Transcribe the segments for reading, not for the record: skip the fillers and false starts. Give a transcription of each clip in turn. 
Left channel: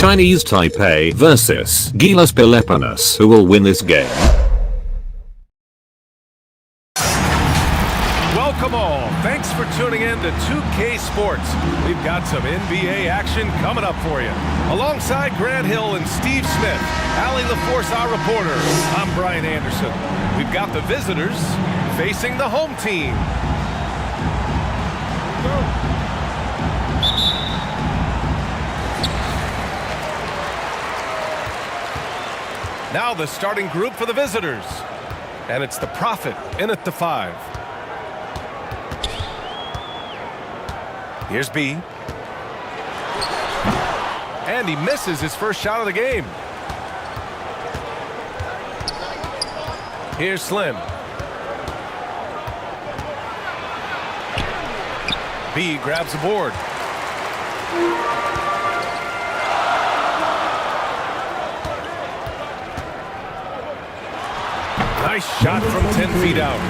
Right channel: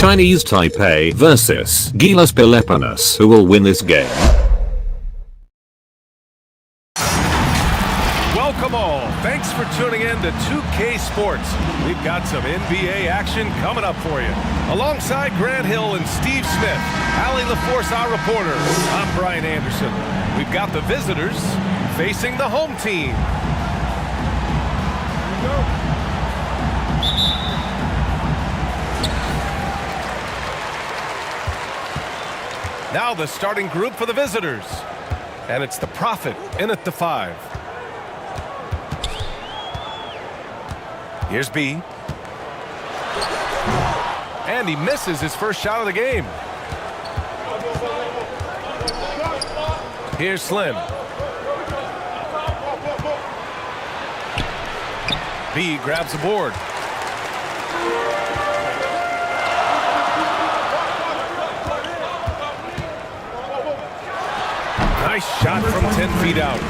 Chinese Taipei versus GILAS Pilipinas. Who will win this game? Welcome all. Thanks for tuning in to 2K Sports. We've got some NBA action coming up for you. Alongside Grant Hill and Steve Smith, Allie LaForce, our reporter. I'm Brian Anderson. We've got the visitors facing the home team. Here we go. Now the starting group for the visitors. And it's the Prophet in at the 5. Here's B. And he misses his first shot of the game. Here's Slim. B grabs the board. Nice shot from 10 feet out.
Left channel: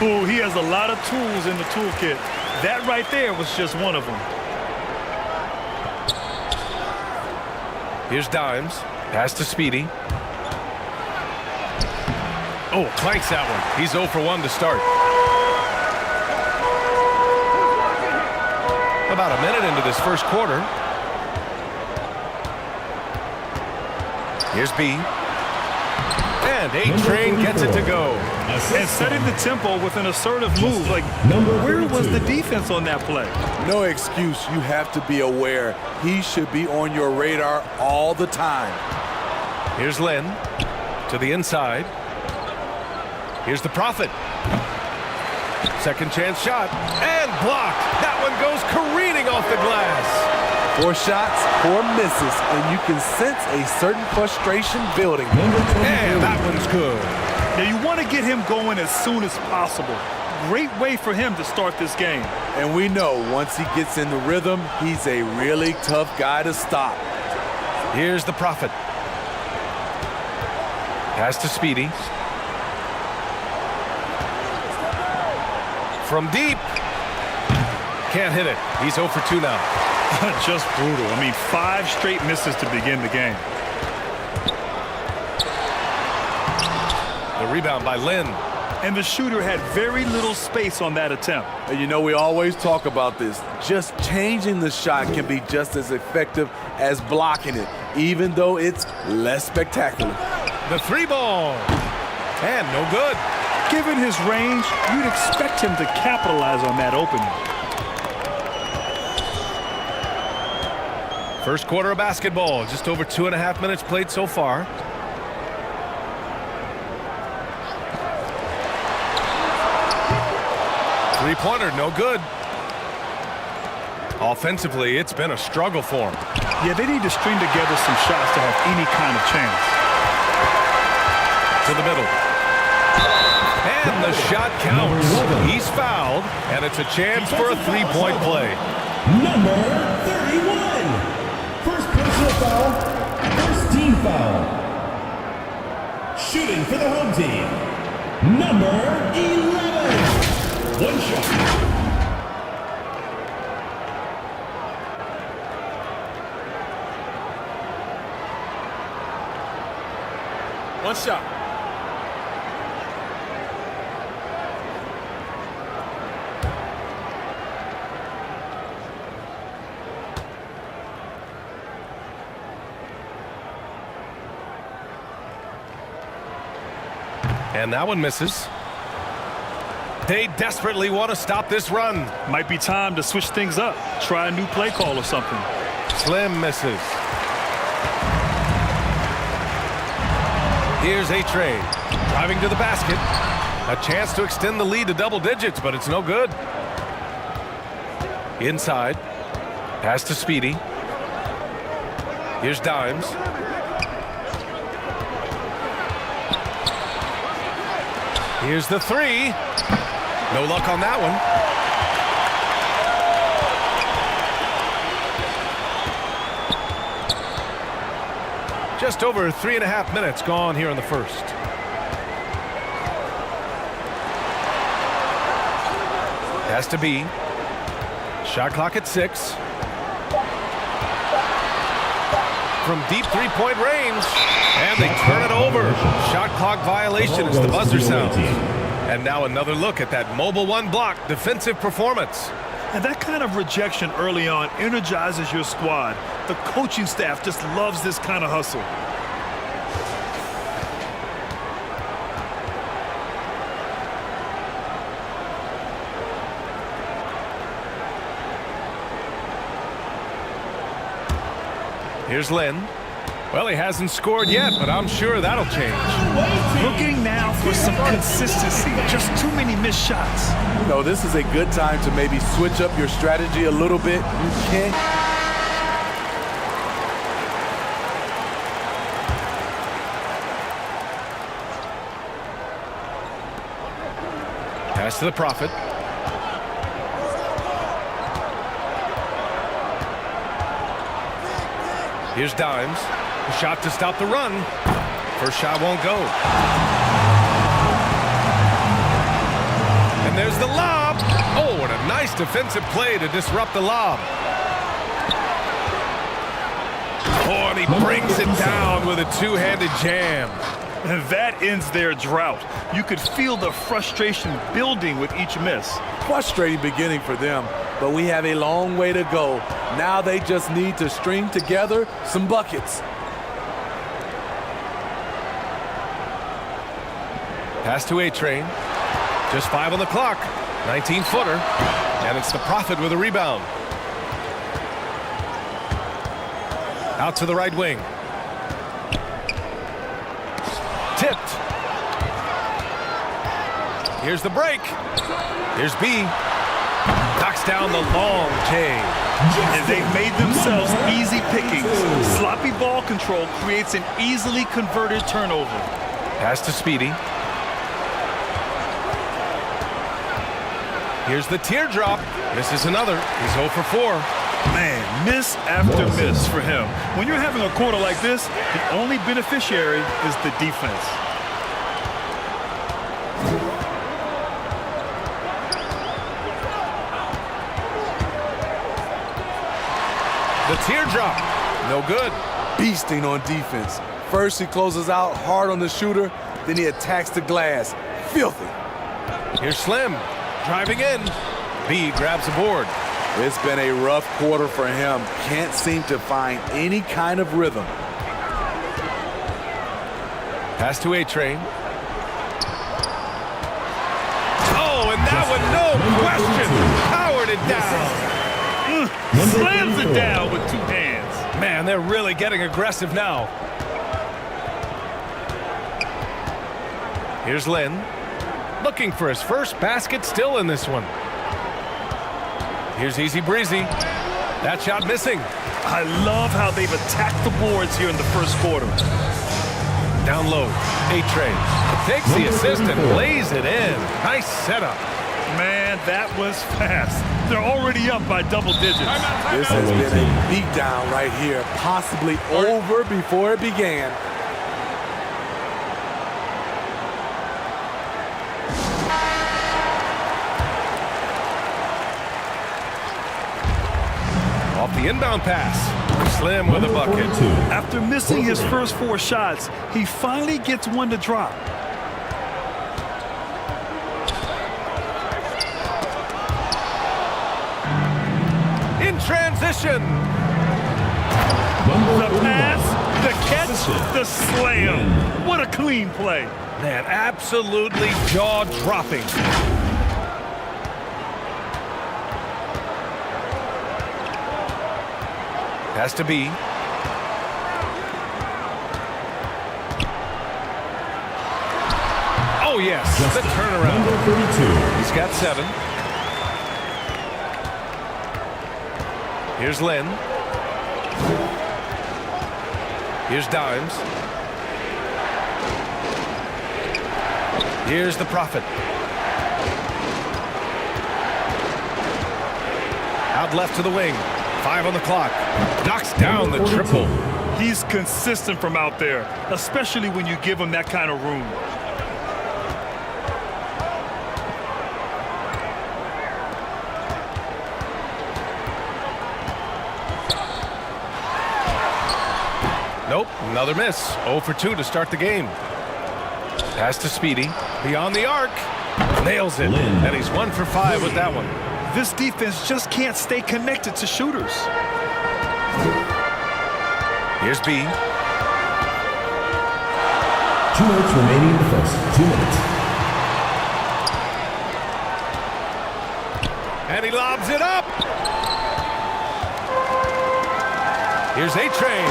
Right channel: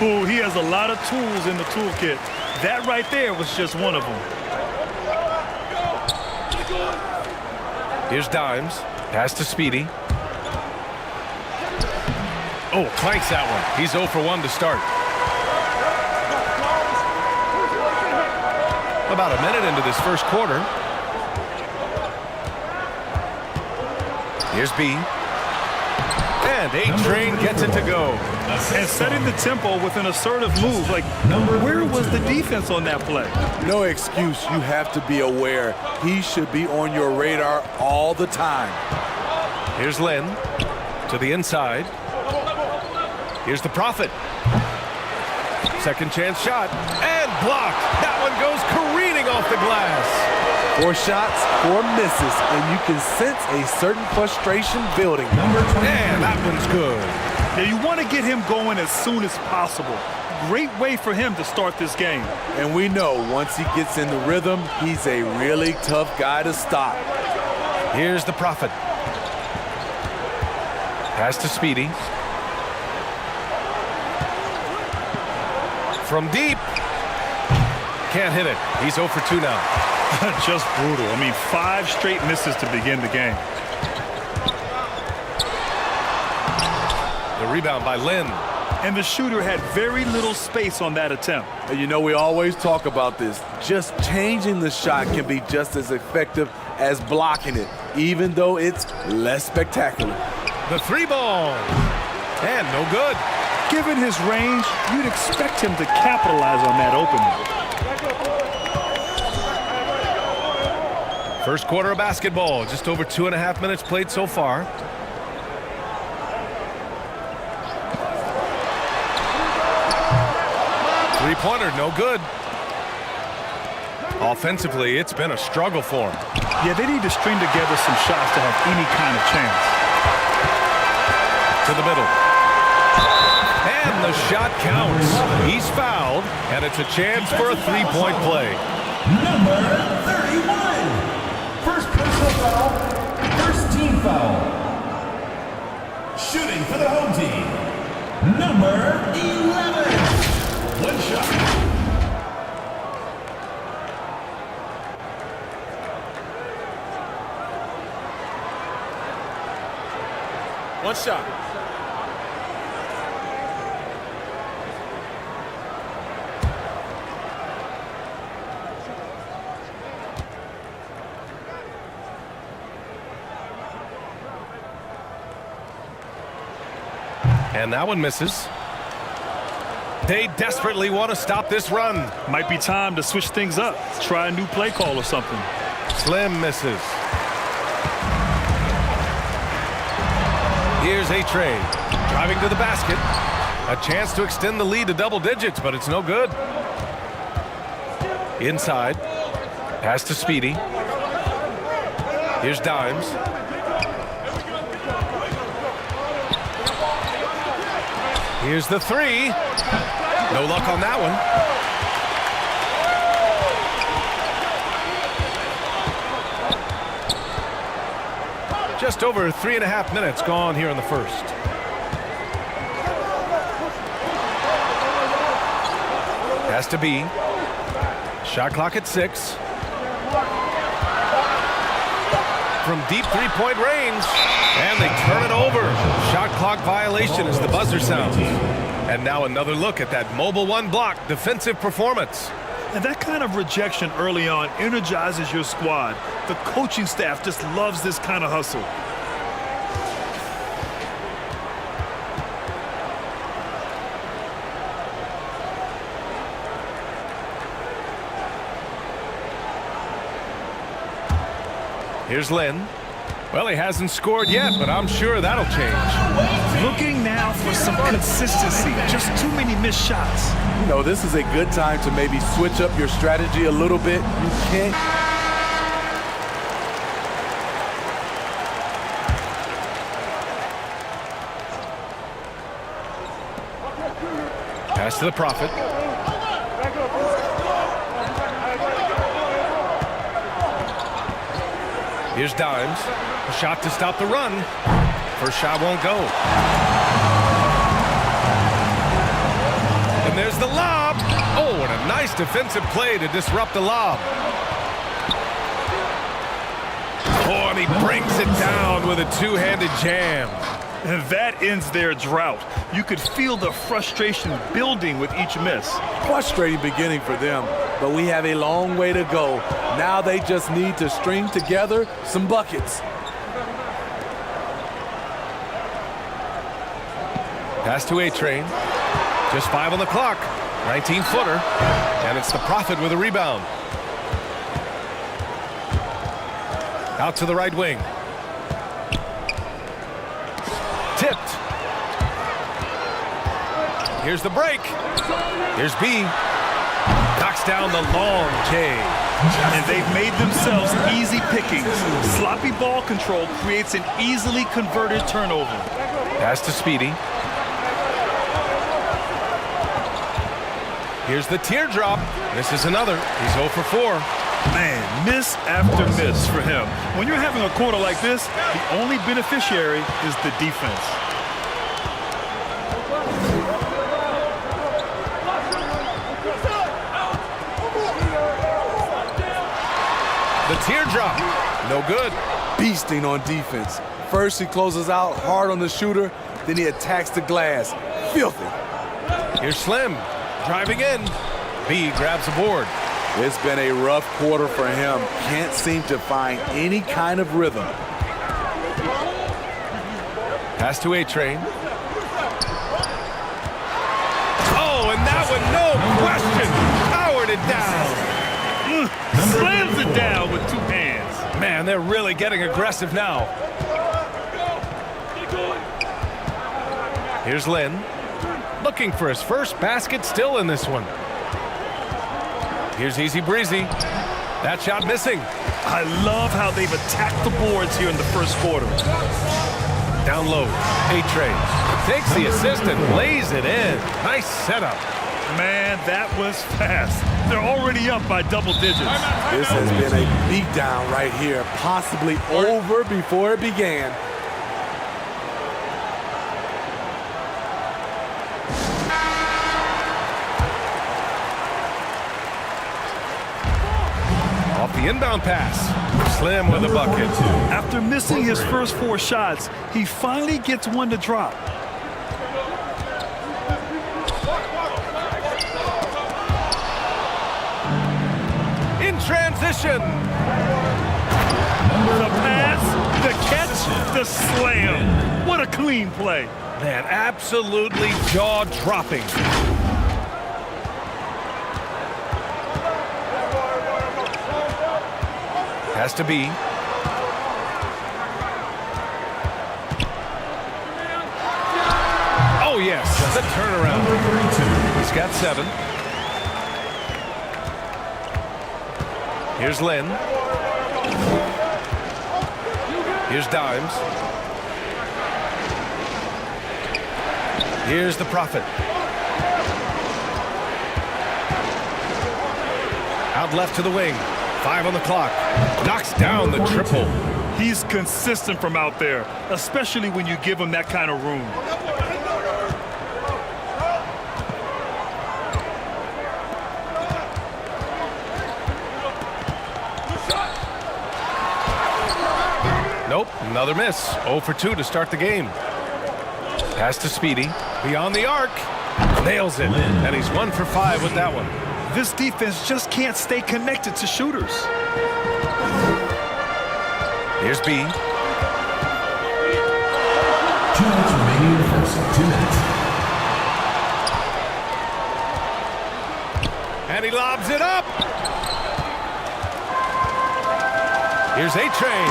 Ooh, he has a lot of tools in the toolkit. That right there was just one of them. Here's Dimes. Pass to Speedy. Oh, clanks that one. He's 0 for 1 to start. About a minute into this first quarter. Here's B. And A-Train gets it to go. And setting the tempo with an assertive move. Like, where was the defense on that play? No excuse. You have to be aware. He should be on your radar all the time. Here's Lynn to the inside. Here's the Prophet. Second chance shot. And blocked. That one goes careening off the glass. 4 shots, 4 misses, and you can sense a certain frustration building. And that one's good. Now, you want to get him going as soon as possible. Great way for him to start this game. And we know once he gets in the rhythm, he's a really tough guy to stop. Here's the Prophet. Pass to Speedy. From deep. Can't hit it. He's 0 for 2 now. Just brutal. I mean, 5 straight misses to begin the game. The rebound by Lynn. And the shooter had very little space on that attempt. And you know, we always talk about this. Just changing the shot can be just as effective as blocking it, even though it's less spectacular. The 3 ball. And no good. Given his range, you'd expect him to capitalize on that opening. First quarter of basketball, just over 2.5 minutes played so far. Three-pointer, no good. Offensively, it's been a struggle for him. Yeah, they need to string together some shots to have any kind of chance. To the middle. And the shot counts. He's fouled, and it's a chance for a 3-point play. Number 31. First personal foul, first team foul. Shooting for the home team, number 11. 1 shot. One shot. And that one misses. They desperately want to stop this run. Might be time to switch things up. Try a new play call or something. Slim misses. Here's A-Train driving to the basket. A chance to extend the lead to double digits, but it's no good. Inside. Pass to Speedy. Here's Dimes. Here's the 3. No luck on that one. Just over 3.5 minutes gone here in the first. Has to be. Shot clock at 6. from deep three-point range. And they turn it over. Shot clock violation as the buzzer sounds. And now another look at that mobile one block defensive performance. And that kind of rejection early on energizes your squad. The coaching staff just loves this kind of hustle. Here's Lynn. Well, he hasn't scored yet, but I'm sure that'll change. Looking now for some consistency. Just too many missed shots. You know, this is a good time to maybe switch up your strategy a little bit. You can't. Pass to the Prophet. Here's Dimes. A shot to stop the run. First shot won't go. And there's the lob. Oh, what a nice defensive play to disrupt the lob. Oh, and he brings it down with a two-handed jam. And that ends their drought. You could feel the frustration building with each miss. Frustrating beginning for them, but we have a long way to go. Now they just need to string together some buckets. Pass to A-Train. Just 5 on the clock. 19-footer. And it's the Prophet with a rebound. Out to the right wing. Tipped. Here's the break. Here's B. Knocks down the long J. And they've made themselves easy pickings. Sloppy ball control creates an easily converted turnover. Pass to Speedy. Here's the teardrop. Misses another. He's 0 for 4. Man, miss after miss for him. When you're having a quarter like this, the only beneficiary is the defense. The teardrop. No good. Beasting on defense. First he closes out hard on the shooter, then he attacks the glass. Filthy. Here's Slim. Driving in. B grabs the board. It's been a rough quarter for him. Can't seem to find any kind of rhythm. Pass to A-Train. Oh, and that one, no question. Powered it down. Slams it down with two hands. Man, they're really getting aggressive now. Here's Lynn. Looking for his first basket still in this one. Here's Easy Breezy. That shot missing. I love how they've attacked the boards here in the first quarter. Down low. A-Train. Takes the assist and lays it in. Nice setup. Man, that was fast. They're already up by double digits. This has been a beatdown right here. Possibly over before it began. Off the inbound pass. Slim with a bucket. After missing his first 4 shots, he finally gets one to drop. In transition. The pass, the catch, the slam. What a clean play. Man, absolutely jaw-dropping. Has to be. Oh, yes, the turnaround. He's got 7. Here's Lynn. Here's Dimes. Here's the Prophet. Out left to the wing. 5 on the clock. Knocks down the triple. He's consistent from out there, especially when you give him that kind of room. Nope, another miss. 0 for 2 to start the game. Pass to Speedy. Beyond the arc. Nails it. And he's 1 for 5 with that one. This defense just can't stay connected to shooters. Here's B. 2 minutes remaining in the first. 2 minutes. And he lobs it up. Here's A-Train.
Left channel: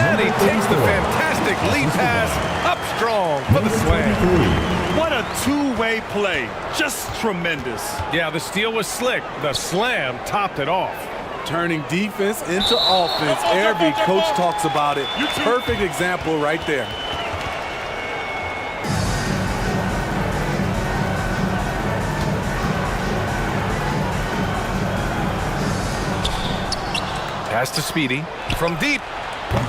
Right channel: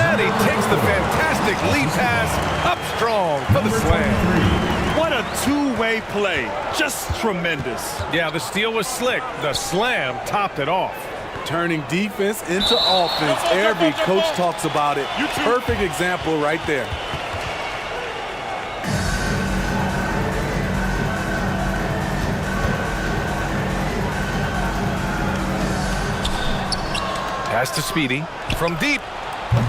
And he takes the fantastic lead pass up strong for the slam. What a two-way play. Just tremendous. Yeah, the steal was slick. The slam topped it off. Turning defense into offense. Every coach talks about it. Perfect example right there. Pass to Speedy. From deep.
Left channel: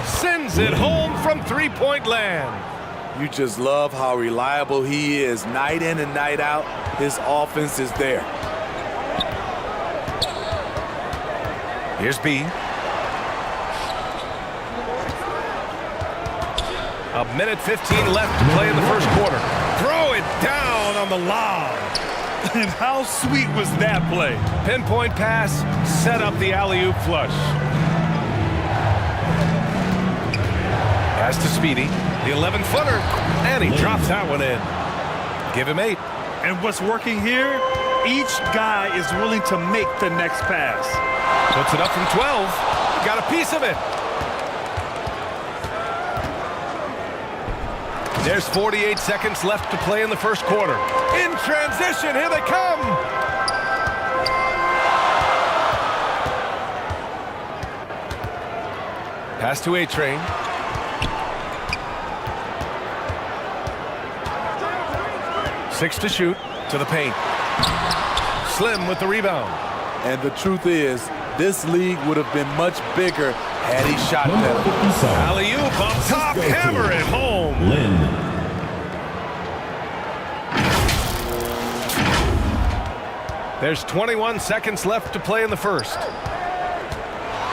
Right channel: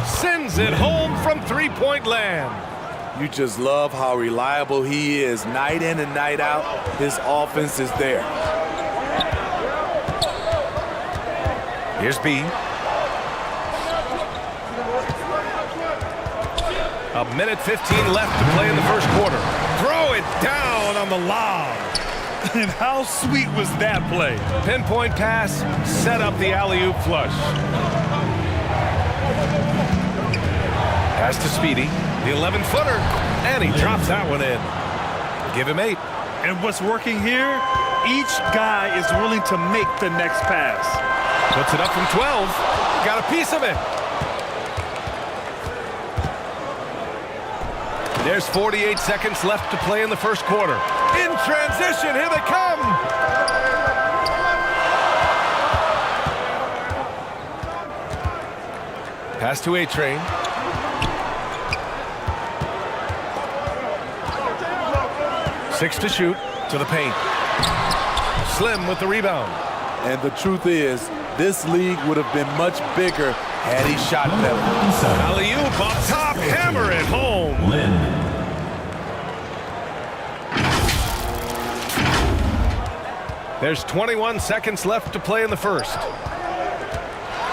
Sends it home from three-point land. You just love how reliable he is. Night in and night out, his offense is there. Here's B. A minute 15 left to play in the first quarter. Throw it down on the lob. And how sweet was that play? Pinpoint pass, set up the alley-oop flush. Pass to Speedy, the 11-footer, and he drops that one in. Give him 8. And what's working here? Each guy is willing to make the next pass. Puts it up from 12. He got a piece of it. There's 48 seconds left to play in the first quarter. In transition, here they come. Pass to A-Train. Six to shoot, to the paint. Slim with the rebound. And the truth is, this league would have been much bigger had he shot better. Alley-oop up top, hammer it home. Lynn. There's 21 seconds left to play in the first.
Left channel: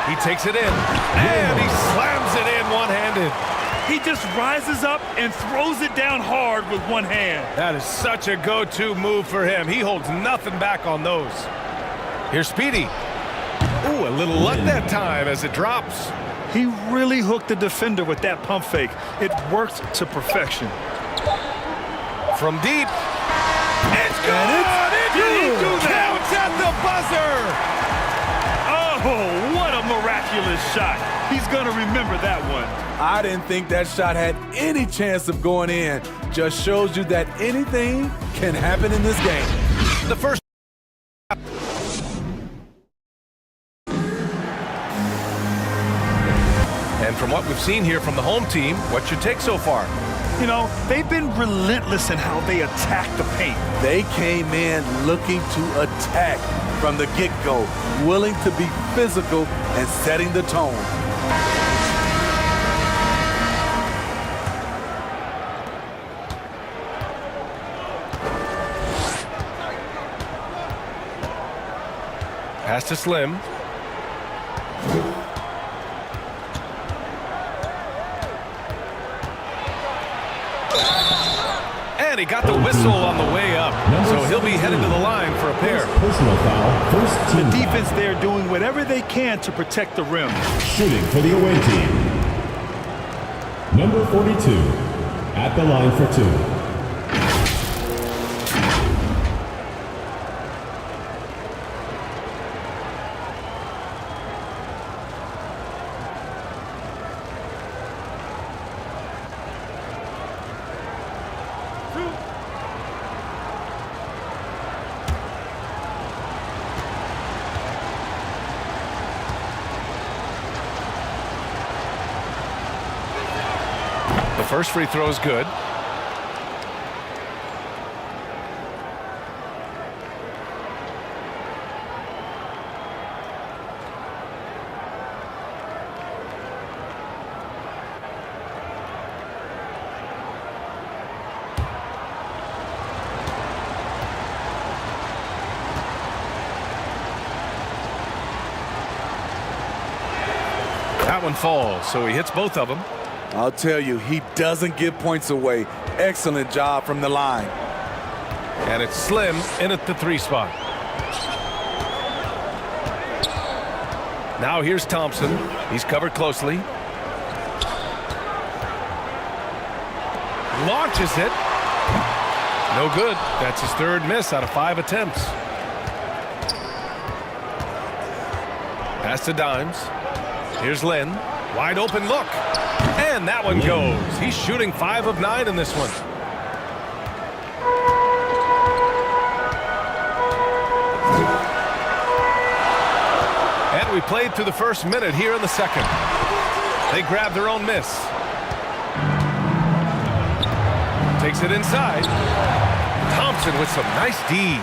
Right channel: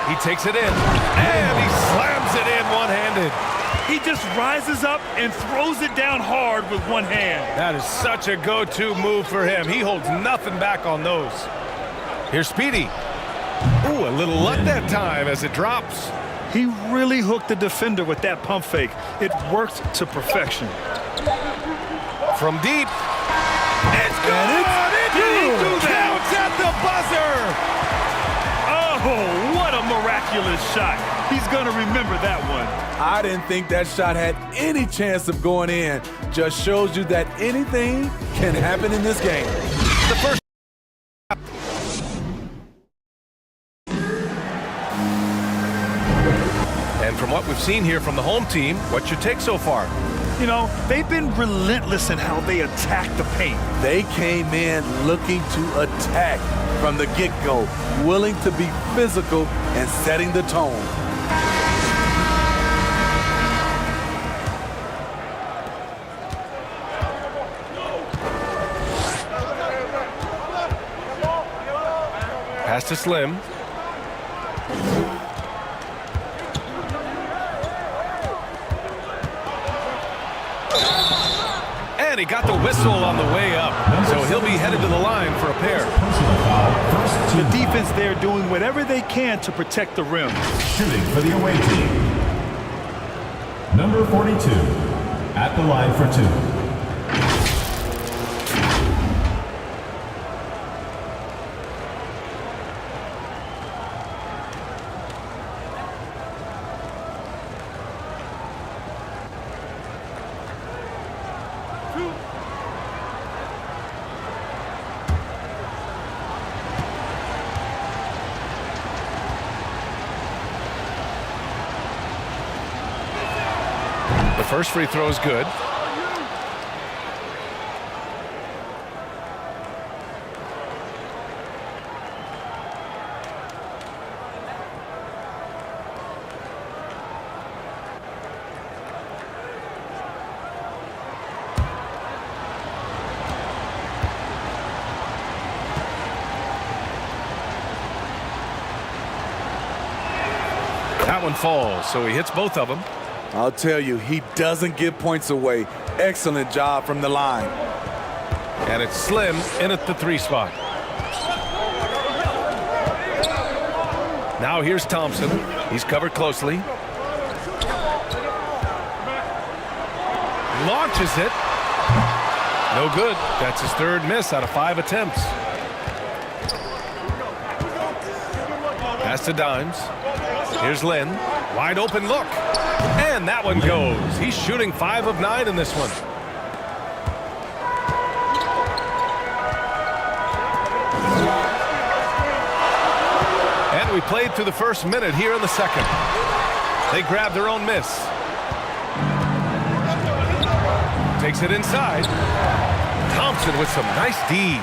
He takes it in, and he slams it in one-handed. He just rises up and throws it down hard with one hand. That is such a go-to move for him. He holds nothing back on those. Here's Speedy. Ooh, a little luck that time as it drops. He really hooked the defender with that pump fake. It worked to perfection. From deep. It's good! Did he do that? Counts at the buzzer! Oh, what a miraculous shot. He's going to remember that one. I didn't think that shot had any chance of going in. Just shows you that anything can happen in this game. The first. And from what we've seen here from the home team, what's your take so far? You know, they've been relentless in how they attack the paint. They came in looking to attack from the get-go, willing to be physical and setting the tone. Pass to Slim. And he got the whistle on the way up. So he'll be headed to the line for a pair. Personal foul. First team The defense there doing whatever they can to protect the rim. shooting for the away team. Number 42 at the line for 2. The first free throw is good. That one falls, so he hits both of them. I'll tell you, he doesn't give points away. Excellent job from the line. And it's Slim in at the 3 spot. Now here's Thompson. He's covered closely. Launches it. No good. That's his 3rd miss out of 5 attempts. Pass to Dimes. Here's Lynn. Wide open look. And that one goes. He's shooting 5 of 9 in this one. And we played through the first minute here in the second. They grab their own miss. Takes it inside. Thompson with some nice D.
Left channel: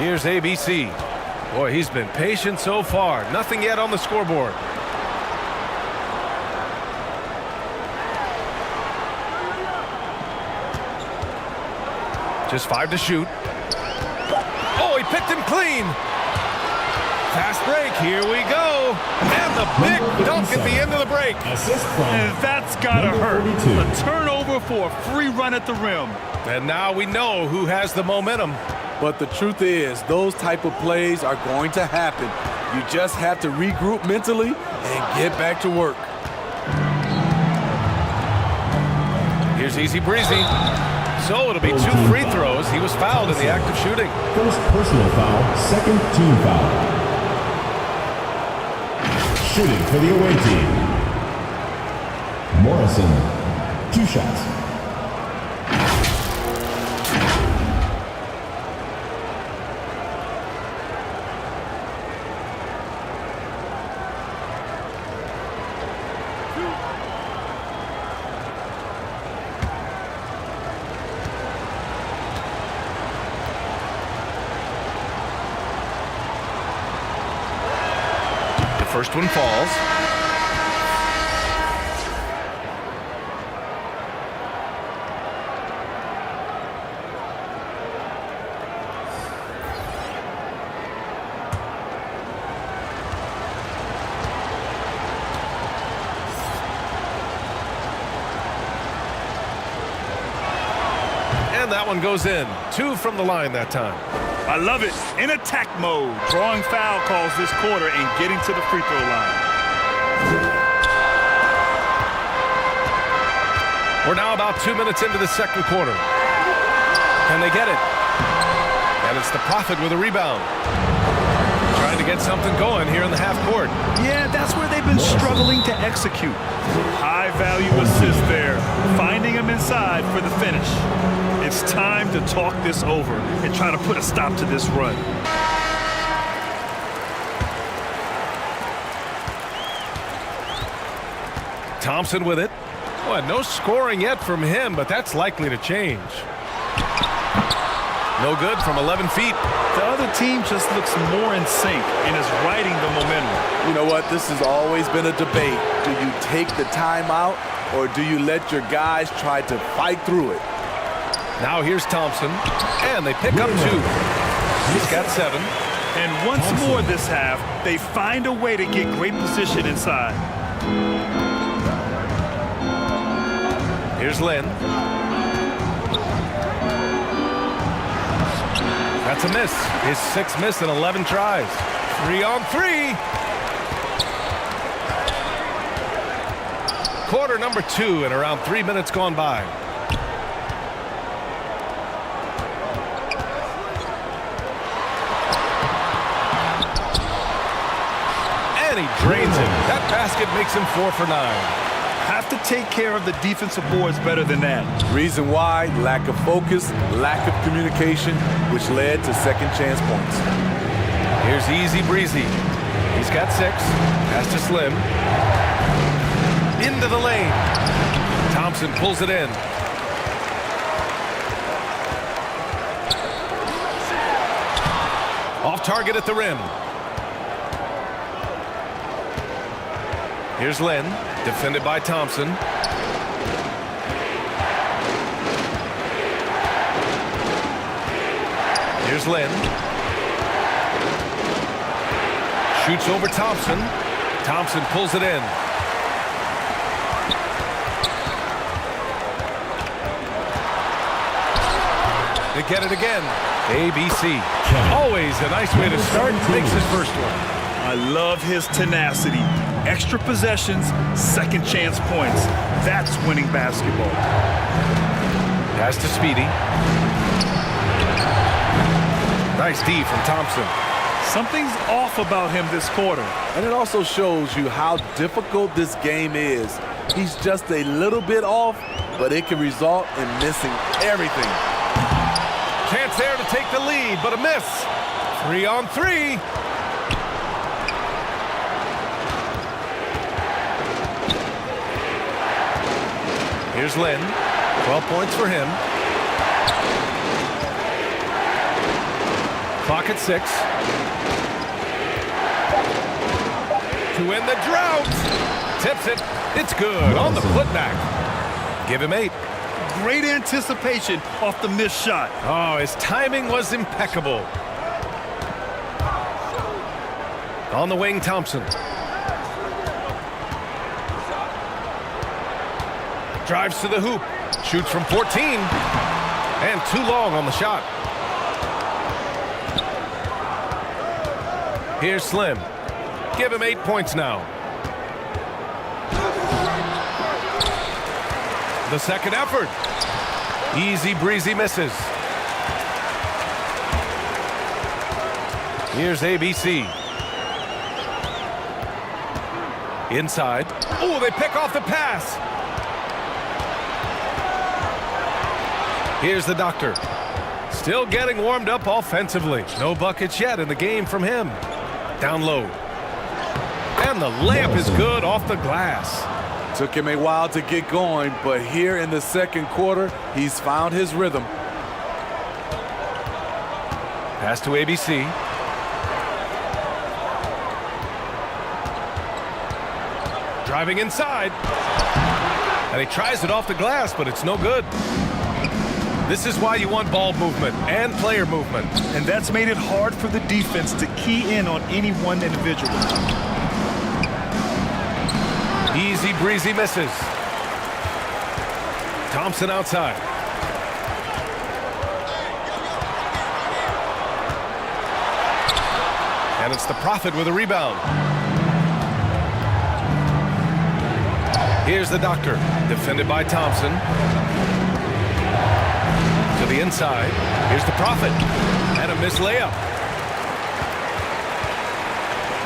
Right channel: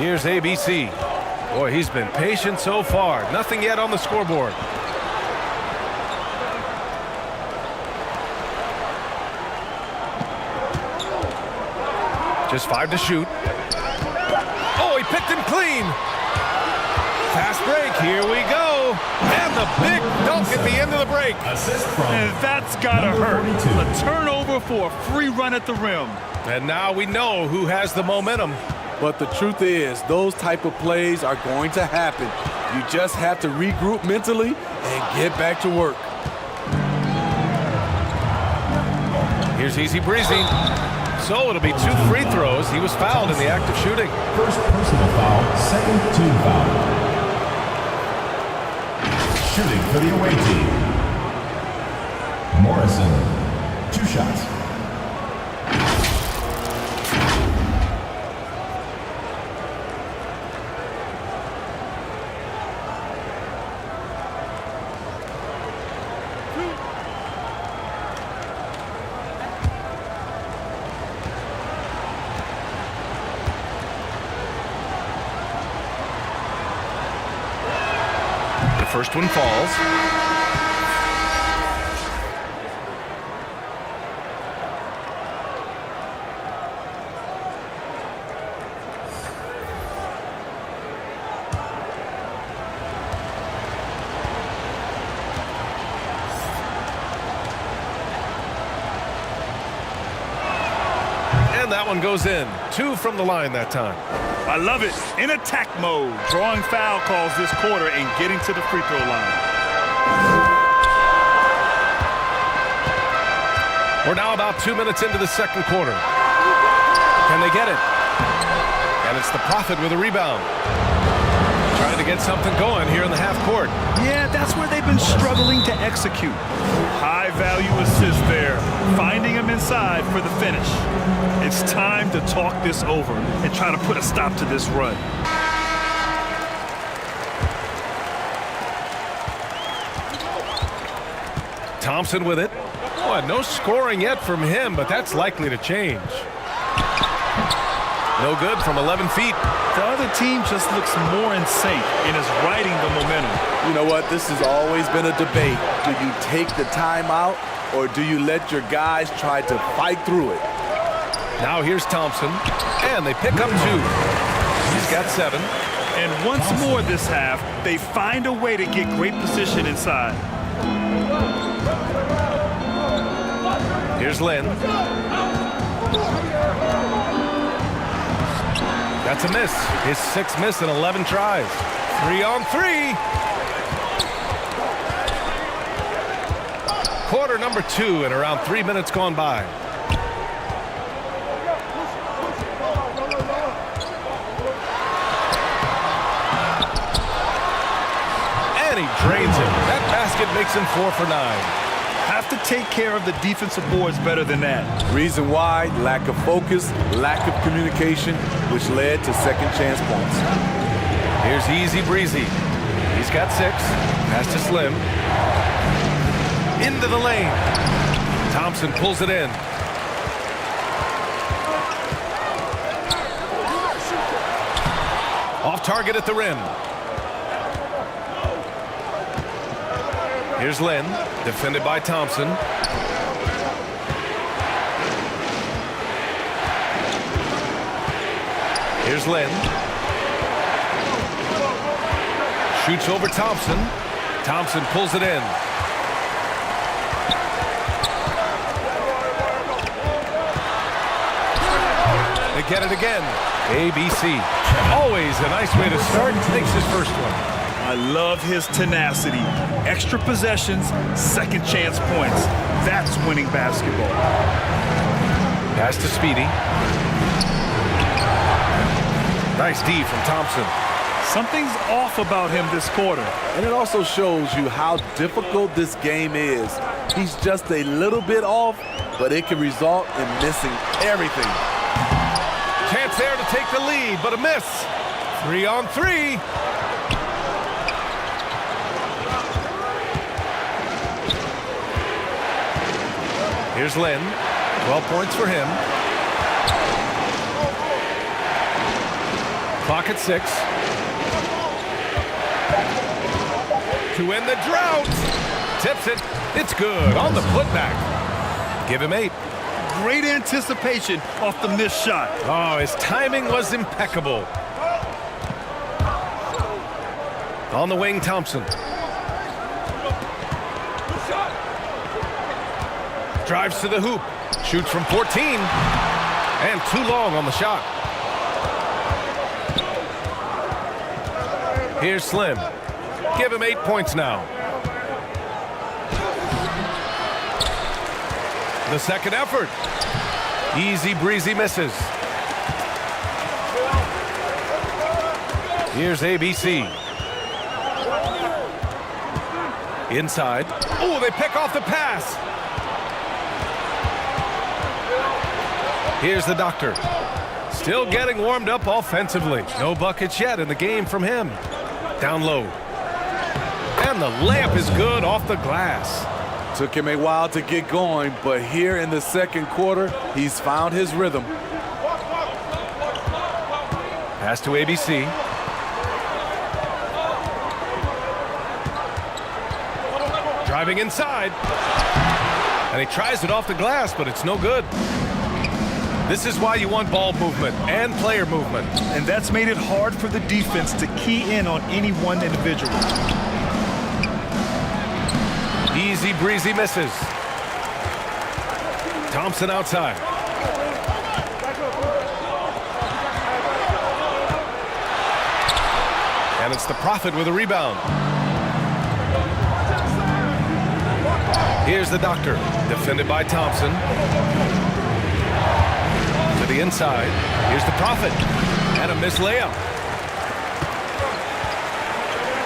Here's ABC. Boy, he's been patient so far. Nothing yet on the scoreboard. Just 5 to shoot. Oh, he picked him clean. Fast break. Here we go. And the big dunk at the end of the break. Assist from And that's gotta hurt. 42. A turnover for a free run at the rim. And now we know who has the momentum. But the truth is, those type of plays are going to happen. You just have to regroup mentally and get back to work. Here's Easy Breezy. So it'll be 2 free throws. He was fouled in the act of shooting. First personal foul, 2nd team foul. Shooting for the away team. Morrison, 2 shots. First one falls. And that one goes in. 2 from the line that time. I love it. In attack mode. Drawing foul calls this quarter and getting to the free throw line. We're now about 2 minutes into the second quarter. Can they get it? And it's the Prophet with a rebound. Trying to get something going here in the half court. Yeah, that's where they've been struggling to execute. High value assist there. Finding him inside for the finish. It's time to talk this over and try to put a stop to this run. Thompson with it. Boy, no scoring yet from him, but that's likely to change. No good from 11 feet. The other team just looks more in sync and is riding the momentum. You know what? This has always been a debate. Do you take the timeout or do you let your guys try to fight through it? Now here's Thompson, and they pick up 2. He's got 7. And once more this half, they find a way to get great position inside. Here's Lynn. That's a miss. His 6th miss in 11 tries. 3 on 3. Quarter number 2 and around 3 minutes gone by. And he drains him. That basket makes him 4 for 9. Have to take care of the defensive boards better than that. Reason why? Lack of focus, lack of communication, which led to second chance points. Here's Easy Breezy. He's got 6. Pass to Slim. Into the lane. Thompson pulls it in. Off target at the rim. Here's Lynn, defended by Thompson. Here's Lynn. Shoots over Thompson. Thompson pulls it in. They get it again. ABC. Always a nice way to start. Makes his first one. I love his tenacity. Extra possessions, second chance points. That's winning basketball. Pass to Speedy. Nice D from Thompson. Something's off about him this quarter. And it also shows you how difficult this game is. He's just a little bit off, but it can result in missing everything. Chance there to take the lead, but a miss. 3 on 3. Here's Lynn. 12 points for him. Clock at 6. To end the drought. Tips it. It's good on the putback. Give him 8. Great anticipation off the missed shot. Oh, his timing was impeccable. On the wing, Thompson. Drives to the hoop. Shoots from 14. And too long on the shot. Here's Slim. Give him 8 points now. The second effort. Easy breezy misses. Here's ABC. Inside. Oh, they pick off the pass. Here's the doctor. Still getting warmed up offensively. No buckets yet in the game from him. Down low. And the layup is good off the glass. Took him a while to get going, but here in the second quarter, he's found his rhythm. Pass to ABC. Driving inside. And he tries it off the glass, but it's no good. This is why you want ball movement and player movement. And that's made it hard for the defense to key in on any one individual. Easy breezy misses. Thompson outside. And it's the Prophet with a rebound. Here's the doctor, defended by Thompson. To the inside. Here's the Prophet. And a missed layup.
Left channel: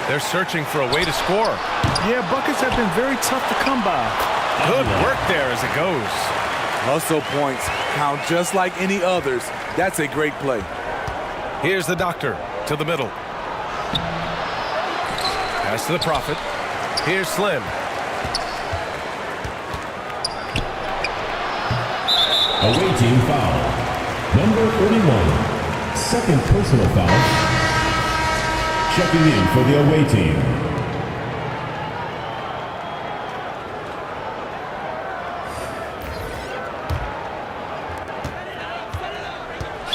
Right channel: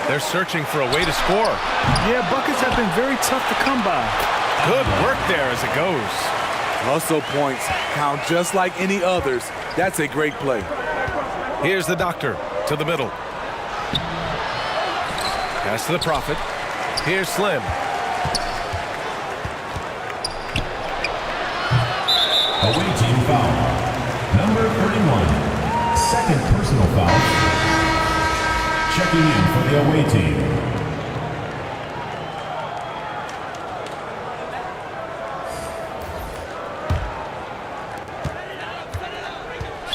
They're searching for a way to score. Yeah, buckets have been very tough to come by. Good work there as it goes. Hustle points count just like any others. That's a great play. Here's the doctor to the middle. Pass to the Prophet. Here's Slim. Away team foul. Number 31. Second personal foul. Checking in for the away team.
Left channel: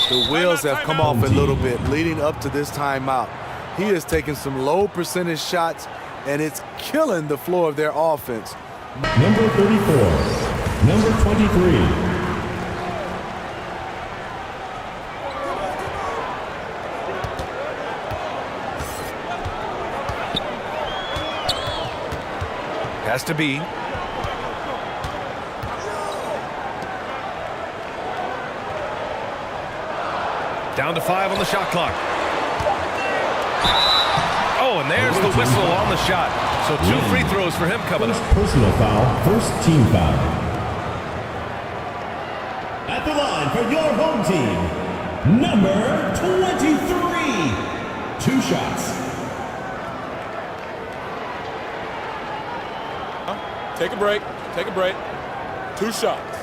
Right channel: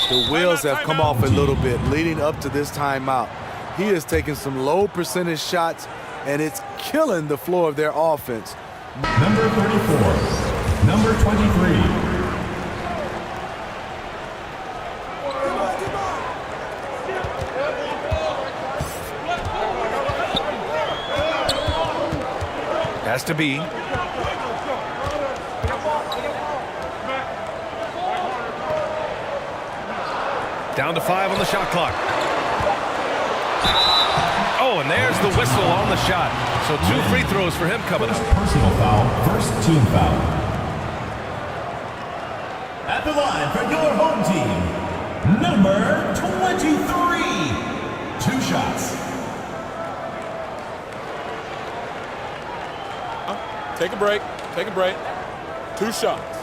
The wheels have come off a little bit leading up to this timeout. He has taken some low percentage shots, and it's killing the flow of their offense. Number 34. Number 23. Has to be. Down to 5 on the shot clock. Oh, and there's the whistle on the shot. So 2 free throws for him coming up. Personal foul, first team foul. At the line for your home team, number 23. 2 shots. Take a break. Take a break. 2 shots.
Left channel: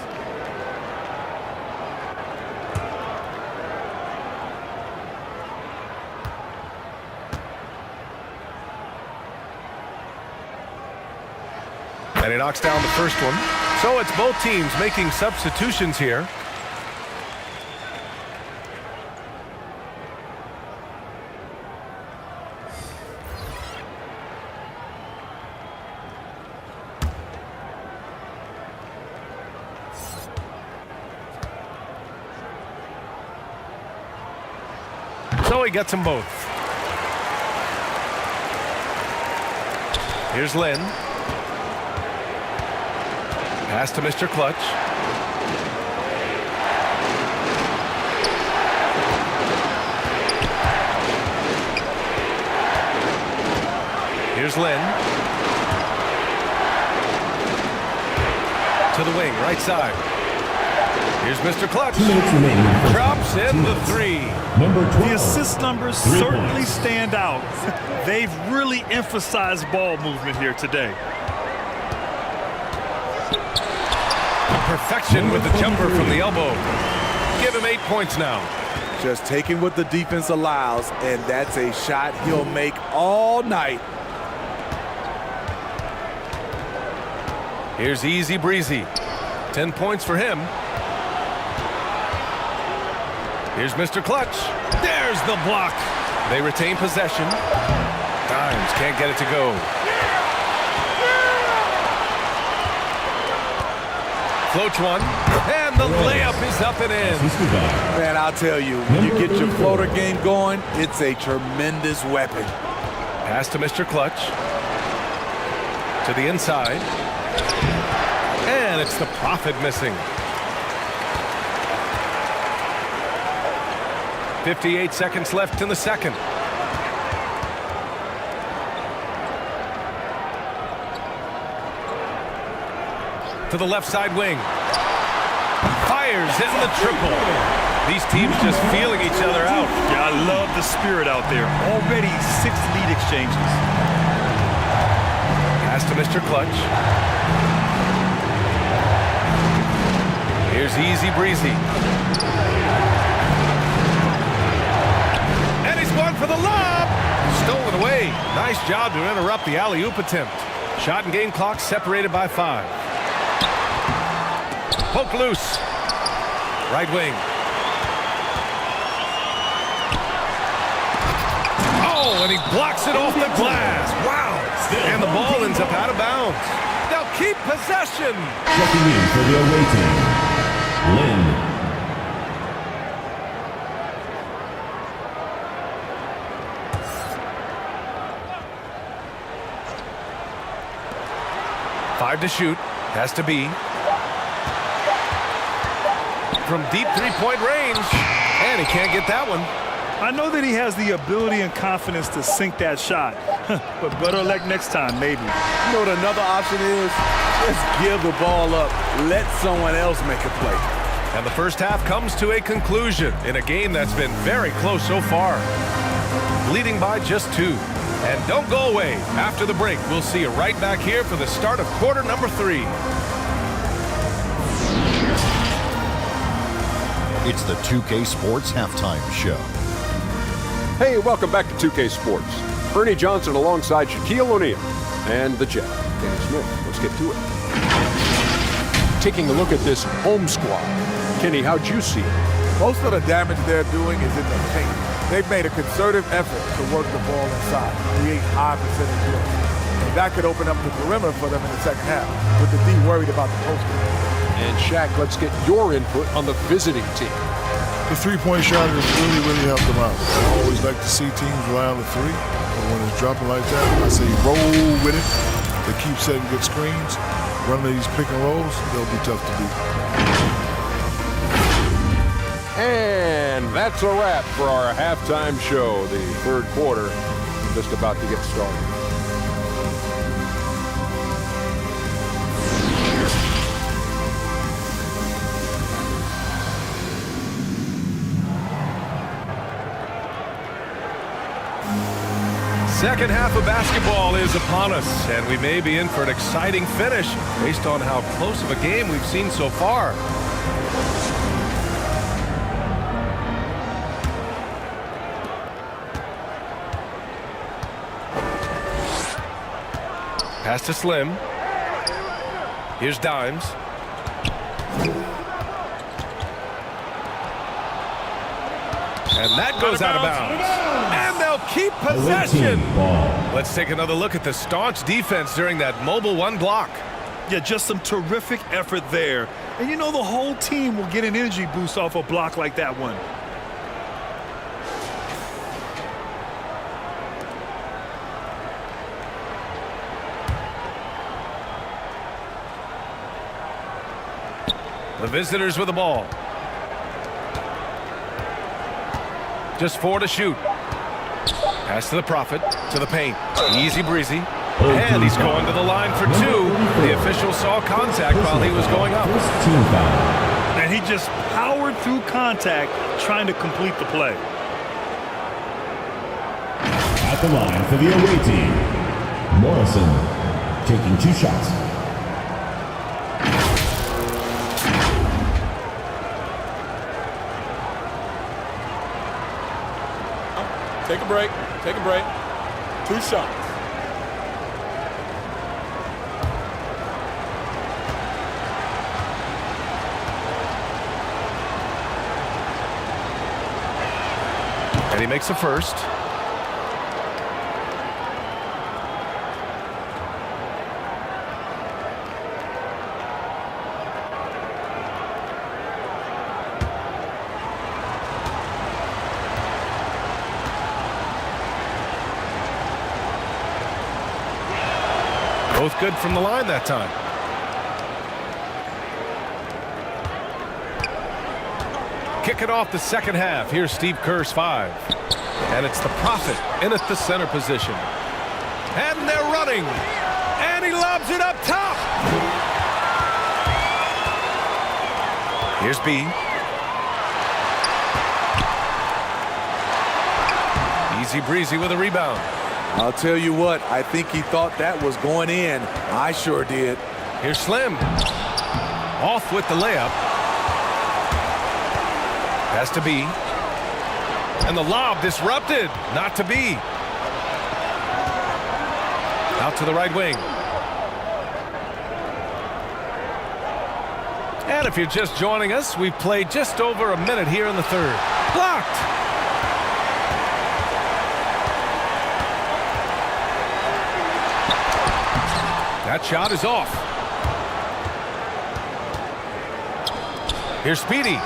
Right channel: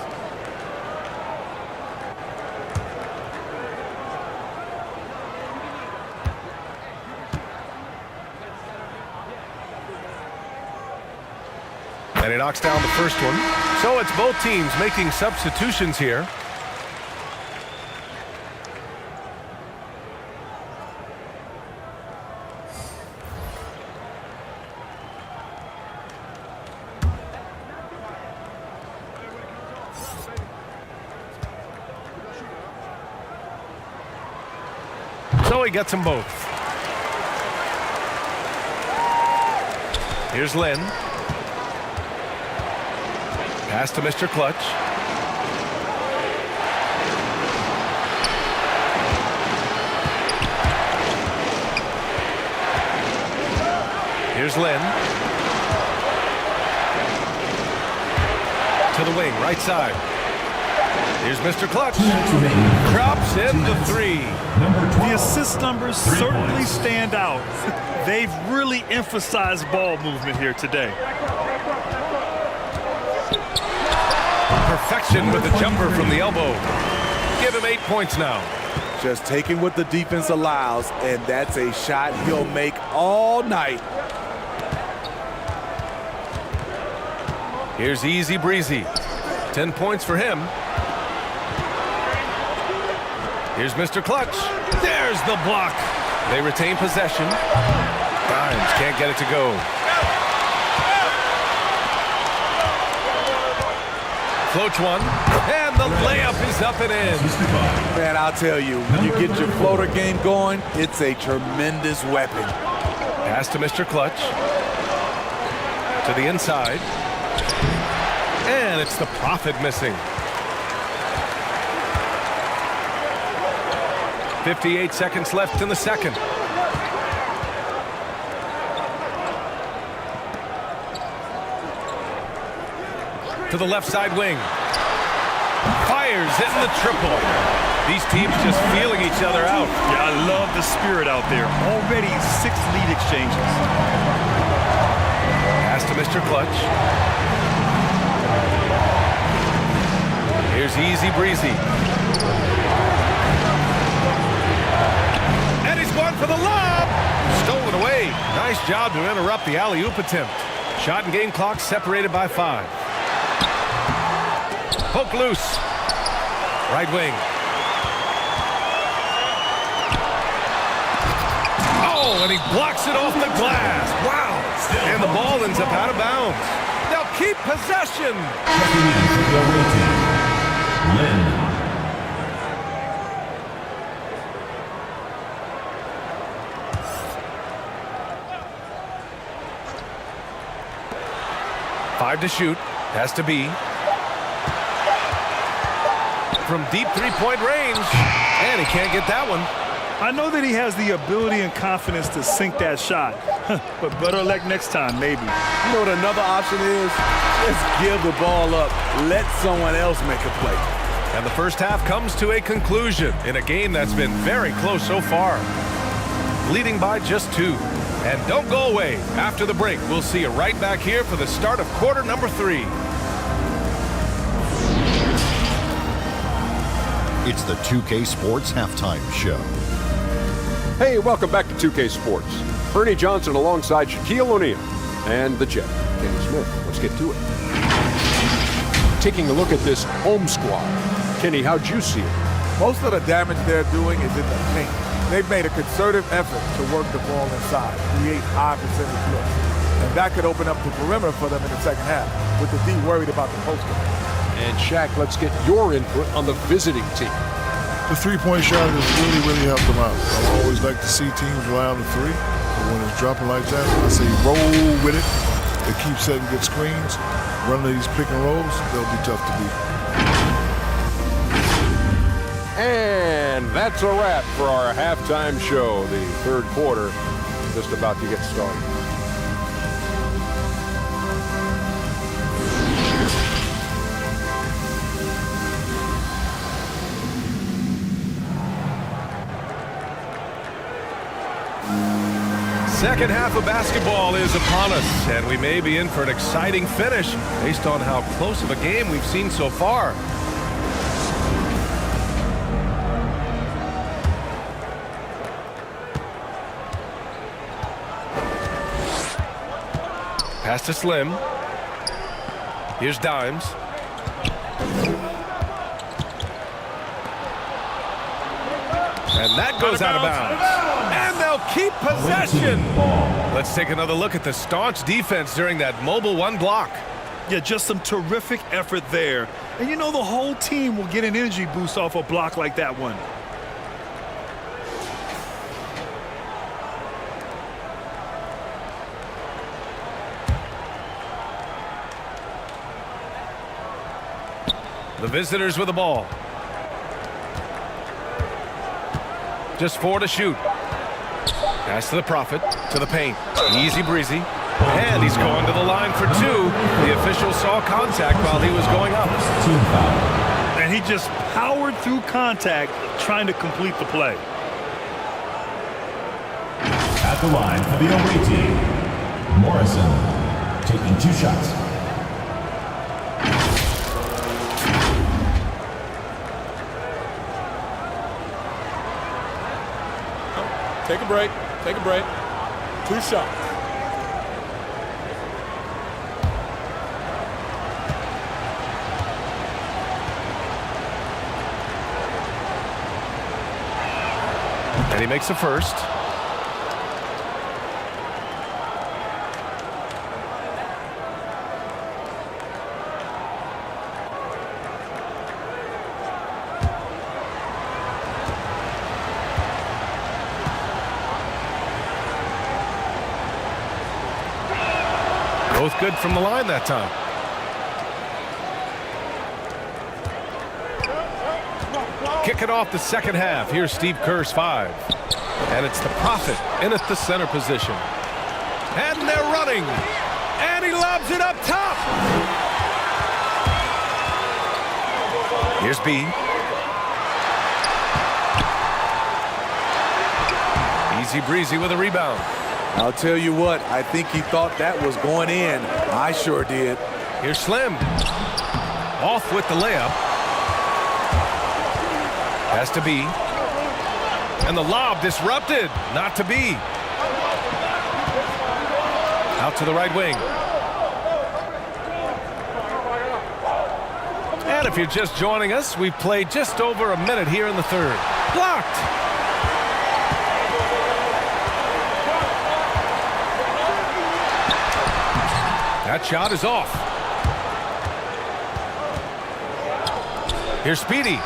And he knocks down the first one. So it's both teams making substitutions here. So he gets them both. Here's Lynn. Pass to Mr. Clutch. Here's Lynn. To the wing, right side. Here's Mr. Clutch. 2 minutes remaining. Drops in the 3. Number 12. The assist numbers 3 certainly points. stand out. They've really emphasized ball movement here today. Perfection with the jumper from the elbow. Give him 8 points now. Just taking what the defense allows, and that's a shot he'll make all night. Here's Easy Breezy. 10 points for him. Here's Mr. Clutch. There's the block. They retain possession. Dimes can't get it to go. Floats one. And the layup is up and in. Man, I'll tell you, when you get your floater game going, it's a tremendous weapon. Pass to Mr. Clutch. To the inside. And it's the Prophet missing. 58 seconds left in the second. To the left side wing. Fires in the triple. These teams just feeling each other out. Yeah, I love the spirit out there. Already 6 lead exchanges. Pass to Mr. Clutch. Here's Easy Breezy. And he's going for the lob. Stolen away. Nice job to interrupt the alley-oop attempt. Shot and game clock separated by 5. Poke loose. Right wing. Oh, and he blocks it off the glass. Wow. And the ball ends up out of bounds. They'll keep possession. Checking in for the away team, Lynn. Five to shoot. Has to be. From deep three-point range. And he can't get that one. I know that he has the ability and confidence to sink that shot. But better luck next time, maybe. You know what another option is? Just give the ball up. Let someone else make a play. And the first half comes to a conclusion in a game that's been very close so far. Leading by just 2. And don't go away. After the break, we'll see you right back here for the start of quarter number 3. It's the 2K Sports Halftime Show. Hey, welcome back to 2K Sports. Ernie Johnson alongside Shaquille O'Neal and the Jet, Kenny Smith. Let's get to it. Taking a look at this home squad. Kenny, how'd you see it? Most of the damage they're doing is in the paint. They've made a concerted effort to work the ball inside, create high percentage looks. And that could open up the perimeter for them in the second half, with the D worried about the post game. And Shaq, let's get your input on the visiting team. The three-point shot has really helped them out. I always like to see teams rely on the 3, but when it's dropping like that, I say roll with it. They keep setting good screens, running these pick and rolls, they'll be tough to beat. And that's a wrap for our halftime show. The third quarter just about to get started. Second half of basketball is upon us, and we may be in for an exciting finish based on how close of a game we've seen so far. Pass to Slim. Here's Dimes. And that goes out of bounds. And they'll keep possession. Let's take another look at the staunch defense during that mobile 1 block. Yeah, just some terrific effort there. And you know the whole team will get an energy boost off a block like that one. The visitors with the ball. Just 4 to shoot. Pass to the Prophet, to the paint. Easy breezy. And he's going to the line for 2. The official saw contact while he was going up. Team foul. And he just powered through contact trying to complete the play. At the line for the away team, Morrison taking 2 shots. Take a break. Take a break. 2 shots. And he makes a first. Both good from the line that time. Kick it off the second half. Here's Steve Kerr's 5. And it's the Prophet in at the center position. And they're running. And he lobs it up top. Here's B. Easy breezy with a rebound. I'll tell you what, I think he thought that was going in. I sure did. Here's Slim. Off with the layup. Has to be. And the lob disrupted. Not to be. Out to the right wing. And if you're just joining us, we've played just over a minute here in the third. Blocked. That shot is off. Here's Speedy.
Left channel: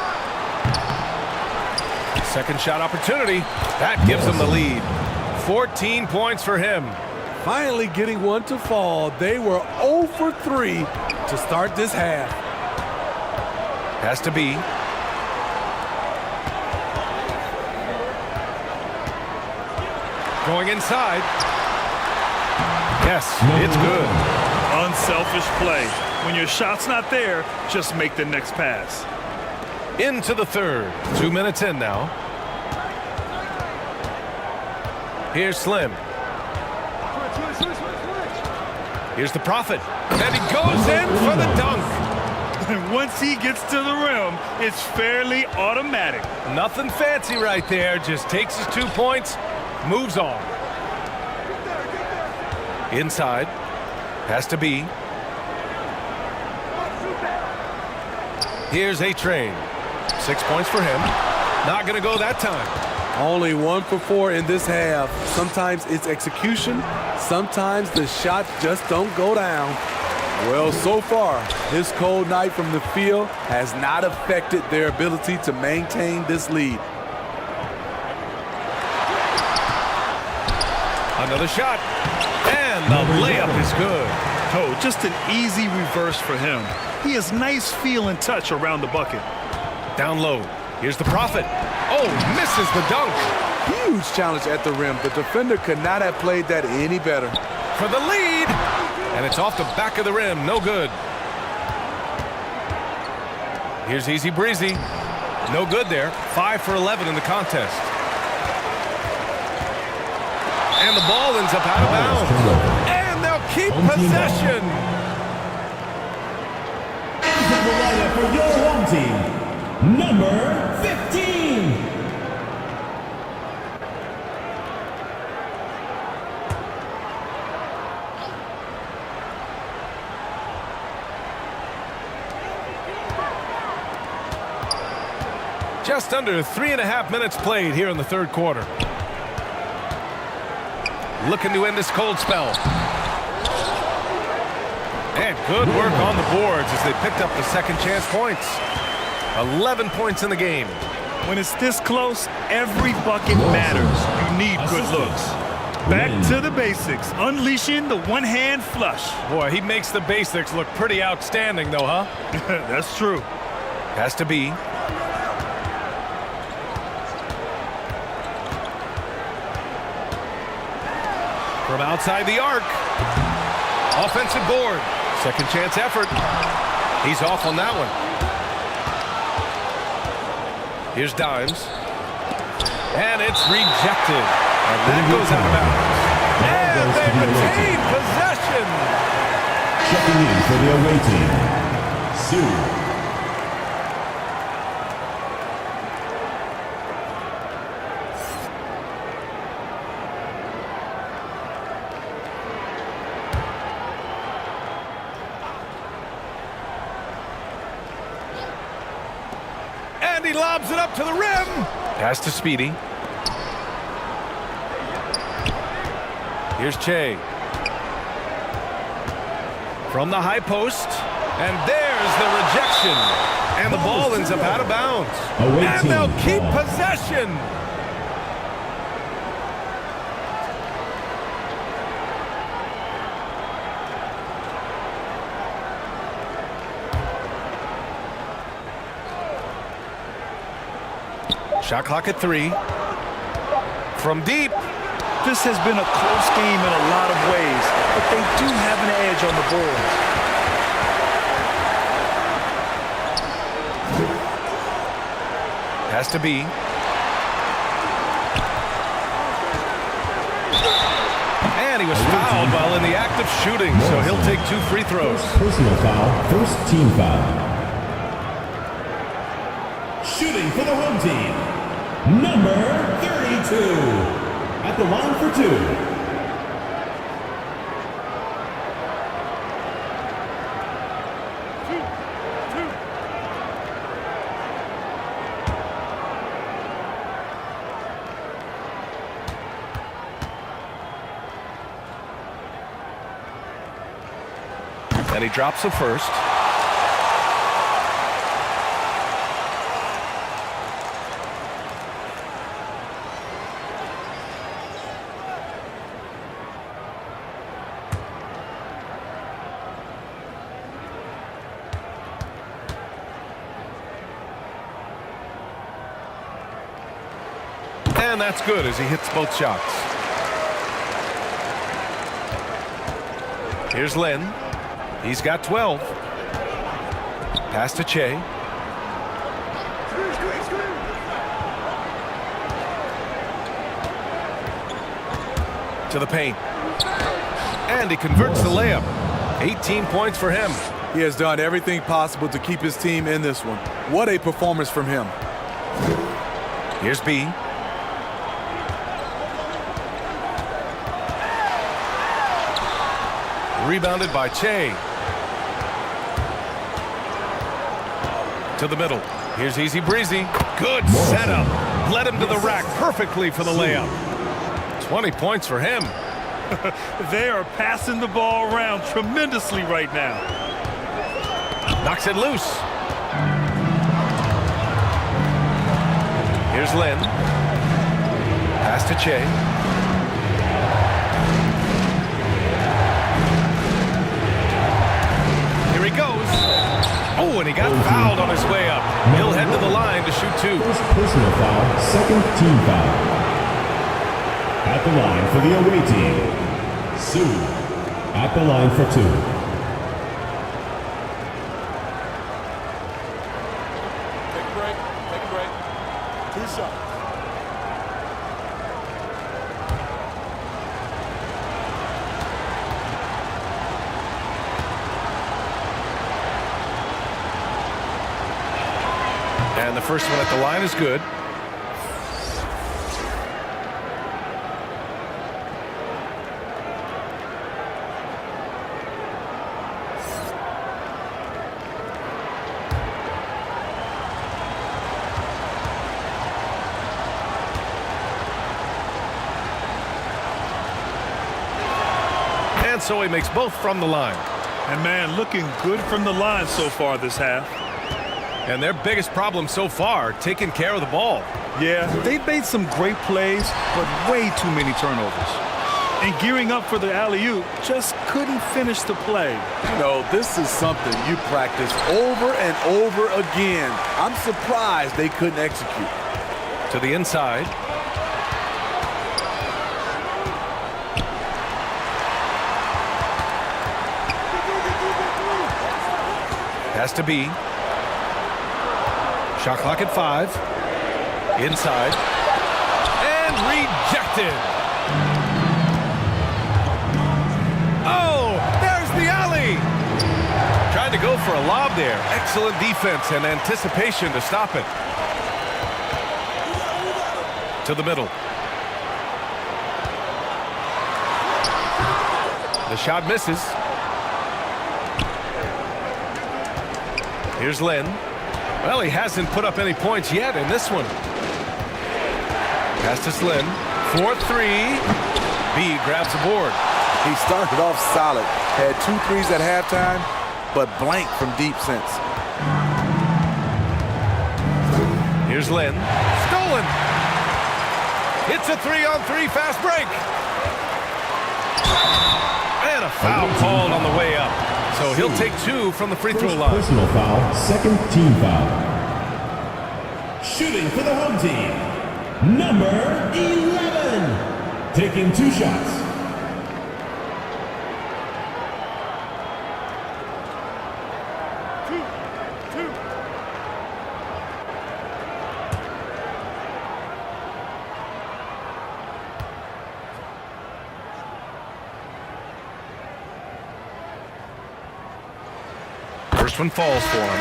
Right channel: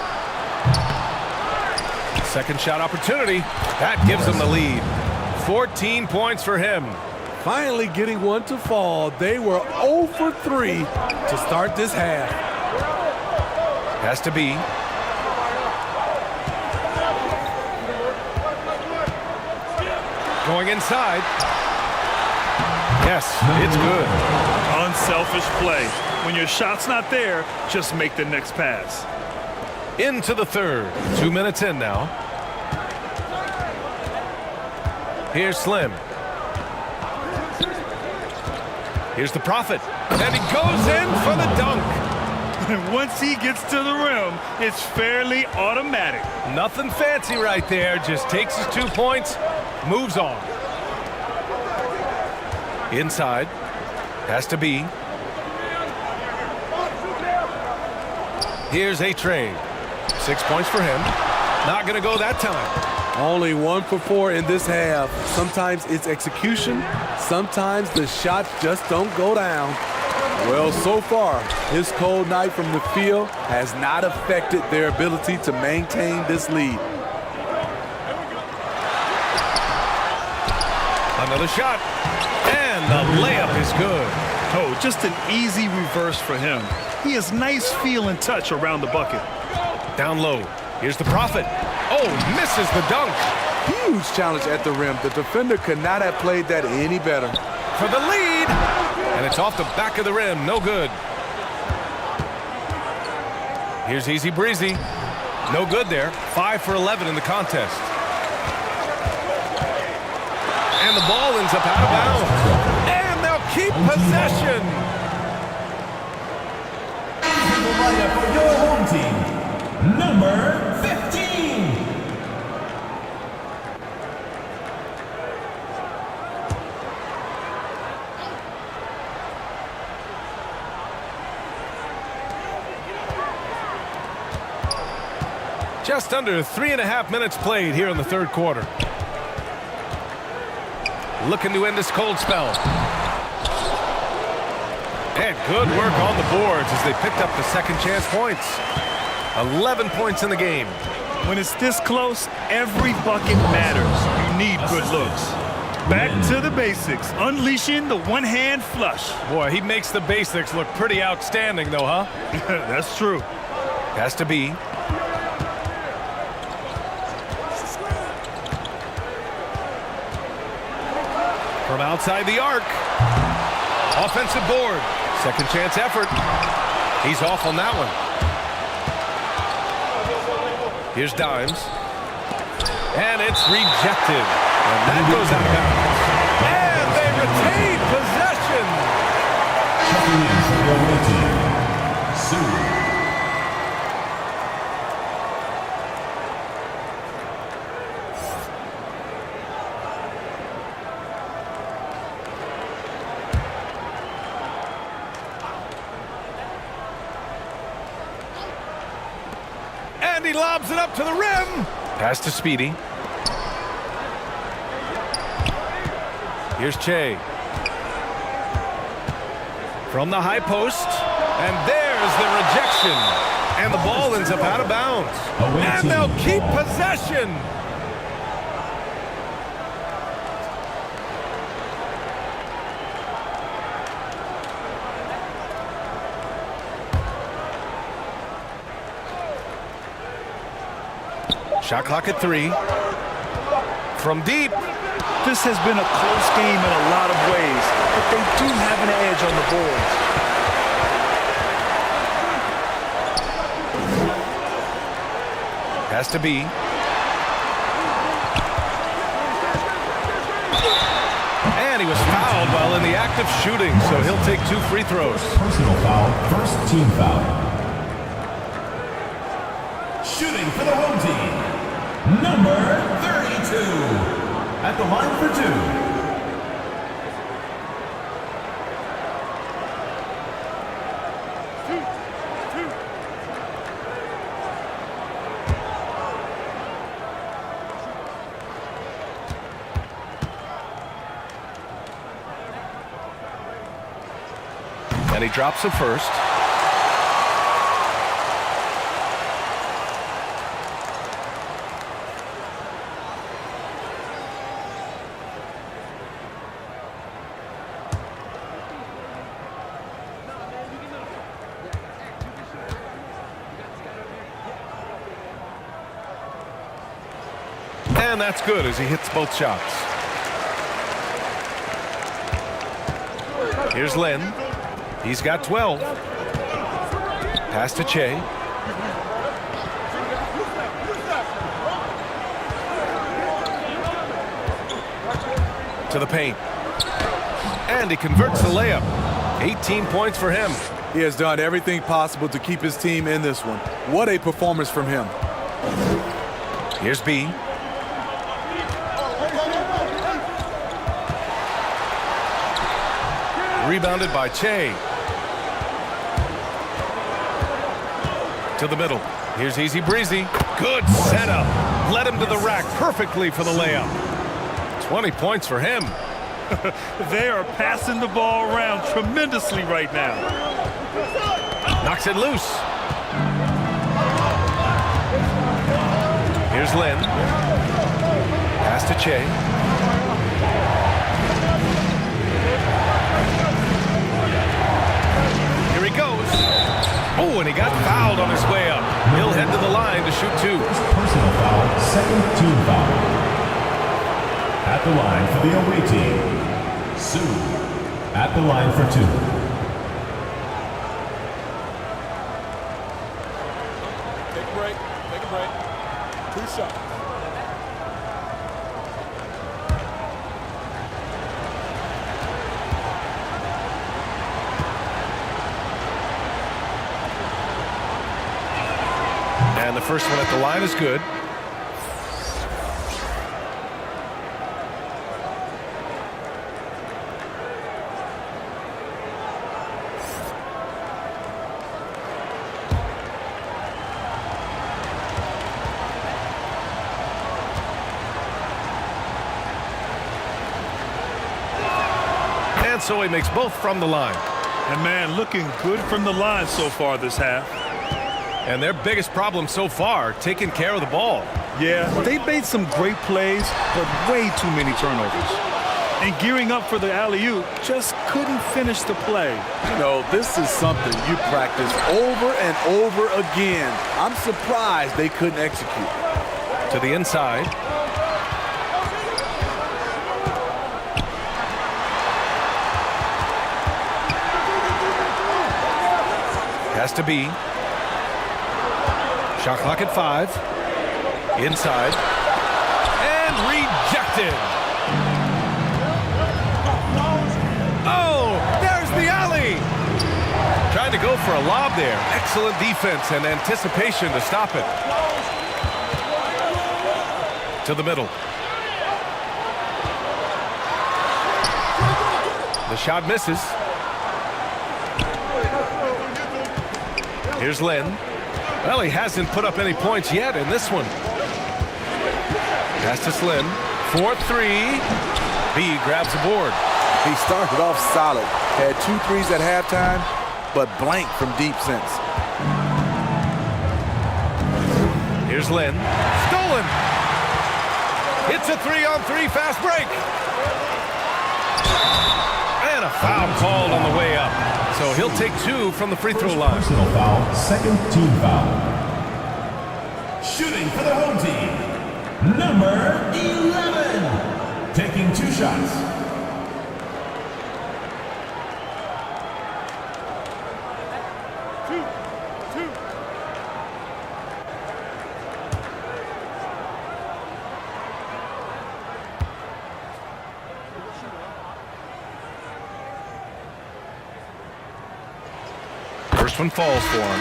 Second shot opportunity. That gives him the lead. 14 points for him. Finally getting one to fall. They were 0 for 3 to start this half. Has to be. Going inside. Yes, it's good. Unselfish play. When your shot's not there, just make the next pass. Into the third. 2 minutes in now. Here's Slim. Here's the Prophet. And he goes in for the dunk. And once he gets to the rim, it's fairly automatic. Nothing fancy right there. Just takes his 2 points, moves on. Inside. Has to be. Here's A-Train. 6 points for him. Not going to go that time. Only 1 for 4 in this half. Sometimes it's execution. Sometimes the shots just don't go down. Well, so far, his cold night from the field has not affected their ability to maintain this lead. Another shot. And the layup is good. Oh, just an easy reverse for him. He has nice feel and touch around the bucket. Down low. Here's the Prophet. Oh, misses the dunk. Huge challenge at the rim. The defender could not have played that any better. For the lead. And it's off the back of the rim. No good. Here's Easy Breezy. No good there. 5 for 11 in the contest. And the ball ends up out of bounds. And they'll keep possession. And the lineup for your home team, number 15. Just under 3.5 minutes played here in the third quarter. Looking to end this cold spell. And good work on the boards as they picked up the second chance points. 11 points in the game. When it's this close, every bucket matters. You need good looks. Back to the basics, unleashing the one-hand flush. Boy, he makes the basics look pretty outstanding though, huh? That's true. Has to be. From outside the arc. Offensive board. Second chance effort. He's off on that one. Here's Dimes. And it's rejected. And that goes out of bounds. And they retain possession. Checking in for the away team, Sue. And he lobs it up to the rim. Pass to Speedy. Here's Che. From the high post. And there's the rejection. And the ball ends up out of bounds. And they'll keep possession. Shot clock at 3. From deep. This has been a close game in a lot of ways, but they do have an edge on the board. Has to be. And he was fouled while in the act of shooting, so he'll take 2 free throws. Personal foul, first team foul. Shooting for the home team, number 32. At the line for 2. And he drops the first. And that's good as he hits both shots. Here's Lin. He's got 12. Pass to Che. To the paint. And he converts the layup. 18 points for him. He has done everything possible to keep his team in this one. What a performance from him. Here's B. Rebounded by Che. To the middle. Here's Easy Breezy. Good setup. Led him to the rack perfectly for the layup. 20 points for him. They are passing the ball around tremendously right now. Knocks it loose. Here's Lin. Pass to Che. Here he goes. Oh, and he got fouled on his way up. He'll head to the line to shoot 2. First personal foul, second team foul. At the line for the away team, Sue. At the line for 2. Take a break. Take a break. 2 shots. And the first one at the line is good. And so he makes both from the line. And man, looking good from the line so far this half. And their biggest problem so far, taking care of the ball. Yeah, they've made some great plays, but way too many turnovers. and gearing up for the alley-oop, just couldn't finish the play. You know, this is something you practice over and over again. I'm surprised they couldn't execute. To the inside. Has to be. Shot clock at 5. Inside. And rejected. Oh, there's the alley. Trying to go for a lob there. Excellent defense and anticipation to stop it. To the middle. The shot misses. Here's Lynn. Well, he hasn't put up any points yet in this one. Pass to Slim. 4-3. B grabs the board. He started off solid. Had 2 threes at halftime, but blank from deep since. Here's Lynn. Stolen. It's a 3-on-3 fast break. And a foul called on the way up. So he'll take 2 from the free throw line. Personal foul, second team foul. Shooting for the home team, number 11. Taking 2 shots. Two. First one falls for him.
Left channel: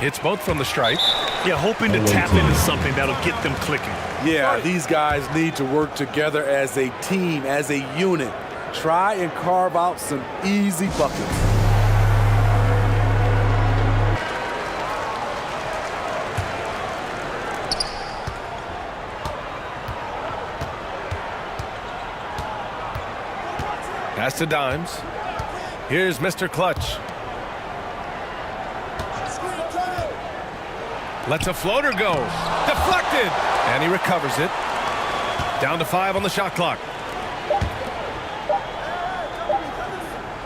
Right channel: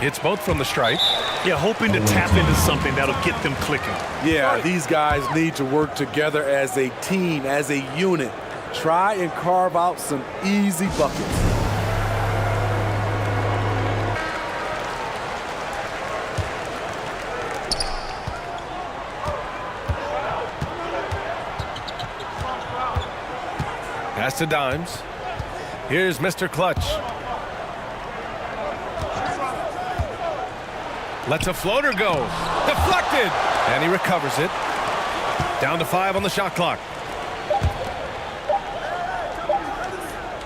Hits both from the stripe. Yeah, hoping to tap into something that'll get them clicking. Yeah, these guys need to work together as a team, as a unit. Try and carve out some easy buckets. Pass to Dimes. Here's Mr. Clutch. Lets a floater go. Deflected. And he recovers it. Down to 5 on the shot clock.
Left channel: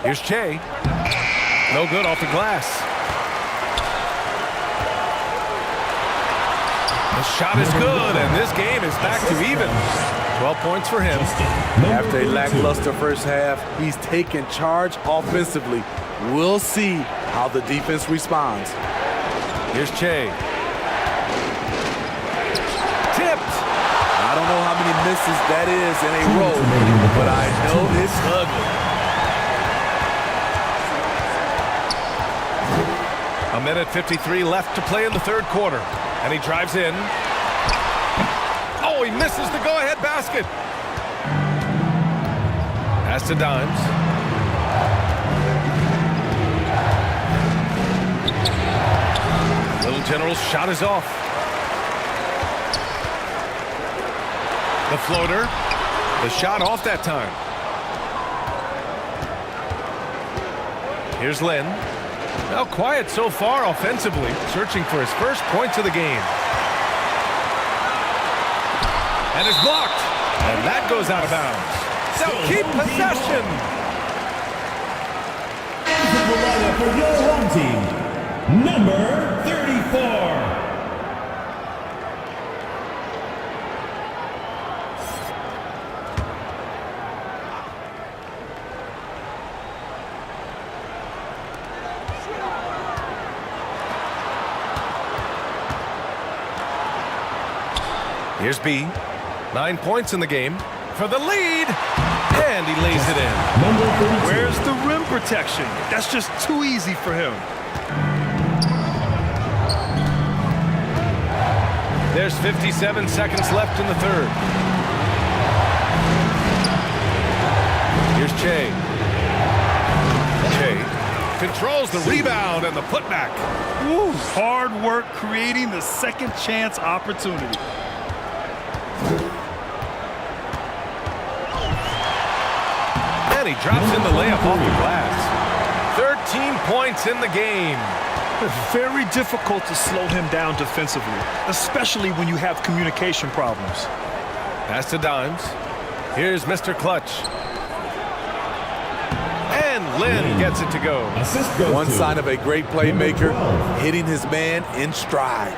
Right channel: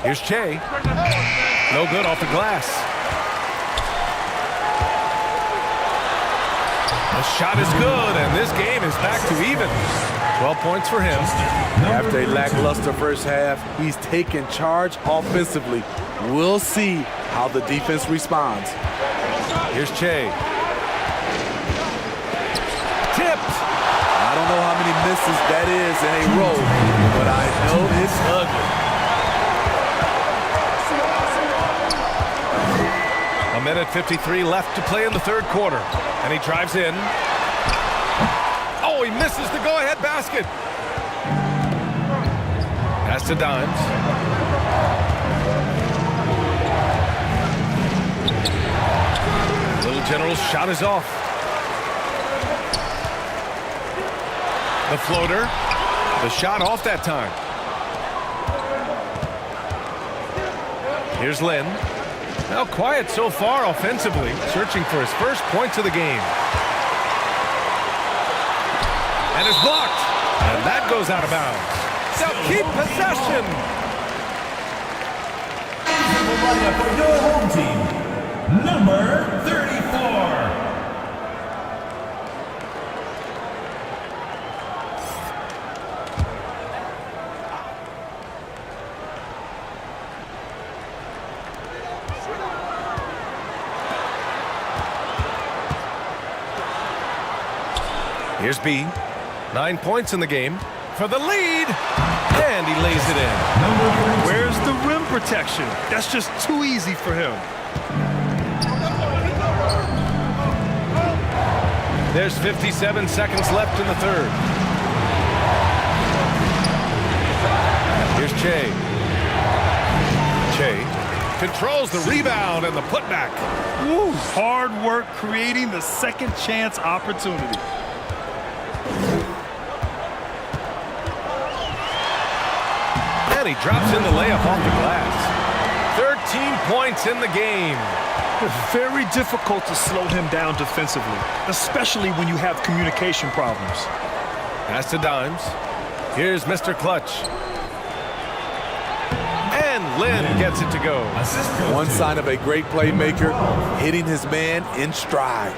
Here's Che. No good off the glass. The shot is good, and this game is back to even. 12 points for him. After a lackluster first half, he's taken charge offensively. We'll see how the defense responds. Here's Che. Tipped. I don't know how many misses that is in a row, but I know it's ugly. A minute 53 left to play in the third quarter. And he drives in. Oh, he misses the go-ahead basket. Pass to Dimes. Little General's shot is off. The floater. The shot off that time. Here's Lynn. Now quiet so far offensively, searching for his first points of the game. And it's blocked. And that goes out of bounds. They'll keep possession. The lineup for your home team, number 34. Here's B. 9 points in the game for the lead. And he lays it in. Number 32. Where's the rim protection? That's just too easy for him. There's 57 seconds left in the third. Here's Che. Che controls the rebound and the putback. Woo, hard work creating the second chance opportunity. And he drops in the layup off the glass. 13 points in the game. Very difficult to slow him down defensively, especially when you have communication problems. Pass to Dimes. Here's Mr. Clutch. And Lynn gets it to go. One sign of a great playmaker, hitting his man in stride.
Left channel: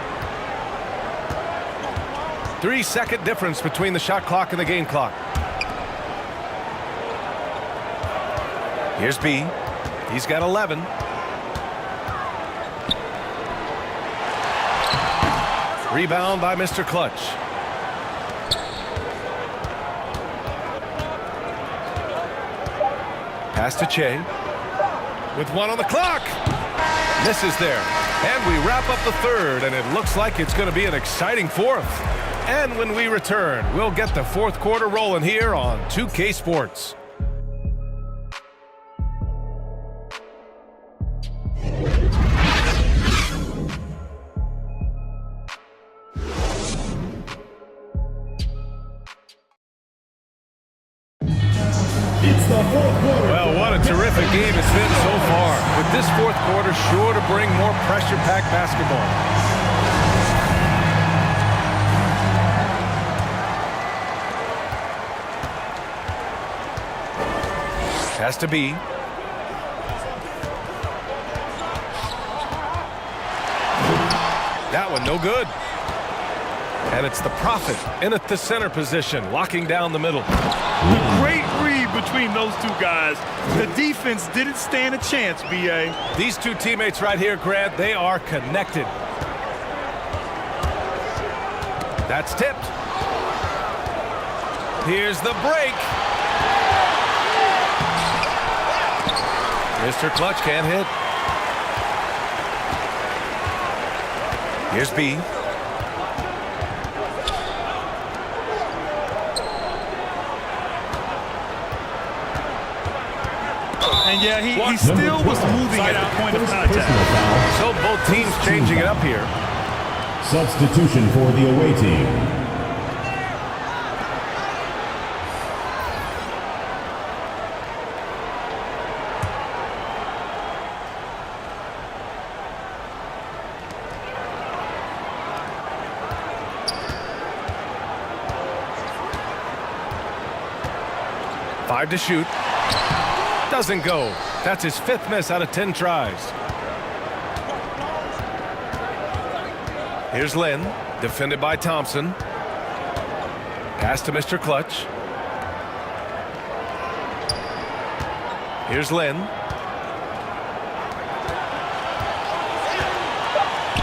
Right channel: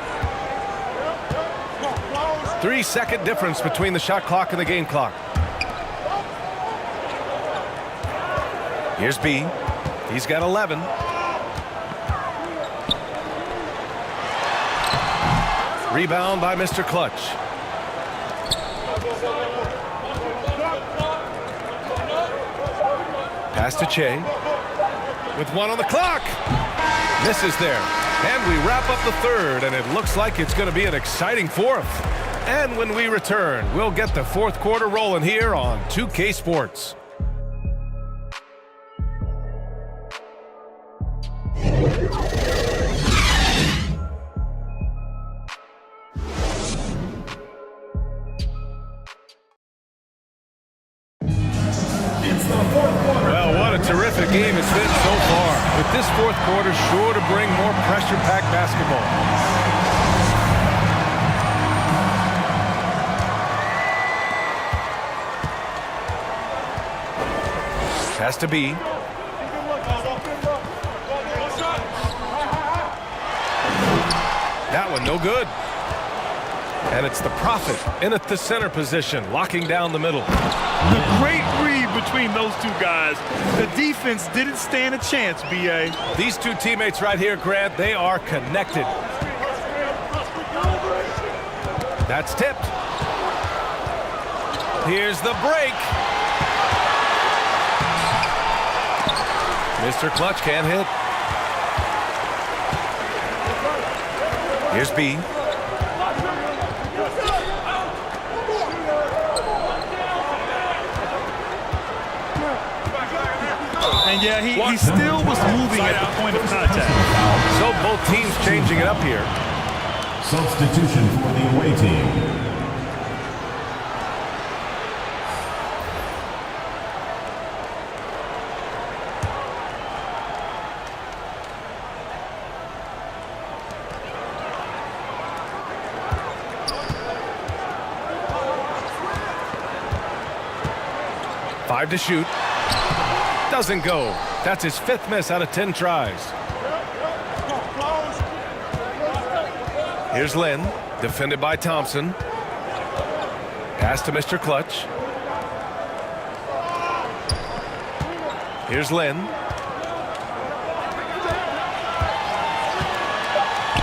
3-second difference between the shot clock and the game clock. Here's B. He's got 11. Rebound by Mr. Clutch. Pass to Che. With 1 on the clock. Misses there. And we wrap up the third, and it looks like it's going to be an exciting fourth. And when we return, we'll get the fourth quarter rolling here on 2K Sports. Well, what a terrific game it's been so far. With this fourth quarter sure to bring more pressure-packed basketball. Has to be. That one no good. And it's the Prophet in at the center position, locking down the middle. The great read between those two guys. The defense didn't stand a chance, B.A. These two teammates right here, Grant, they are connected. That's tipped. Here's the break. Mr. Clutch can't hit. Here's B. And yeah, he still was moving at the point of contact. So both teams changing it up here. Substitution for the away team. Five to shoot. Doesn't go. That's his 5th miss out of 10 tries. Here's Lynn, defended by Thompson. Pass to Mr. Clutch. Here's Lynn.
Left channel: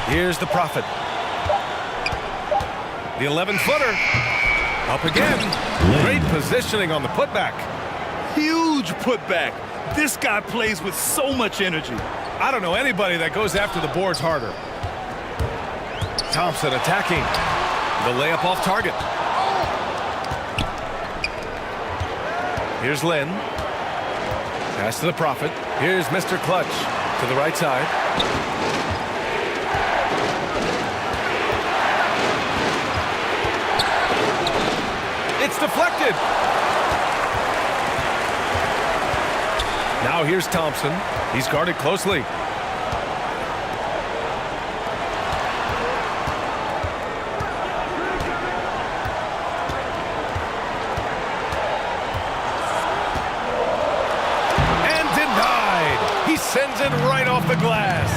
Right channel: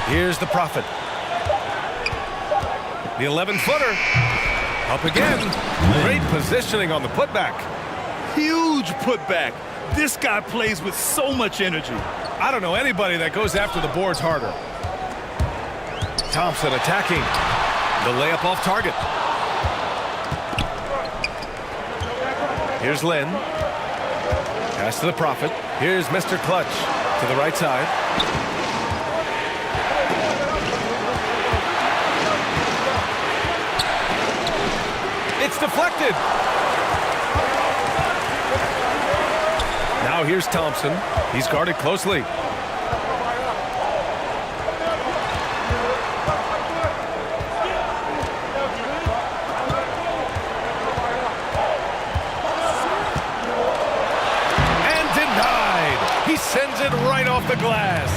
Here's the Prophet. The 11-footer. Up again. Great positioning on the putback. Huge putback. This guy plays with so much energy. I don't know anybody that goes after the boards harder. Thompson attacking. The layup off target. Here's Lynn. Pass to the Prophet. Here's Mr. Clutch to the right side. It's deflected. Now here's Thompson. He's guarded closely. And denied. He sends it right off the glass.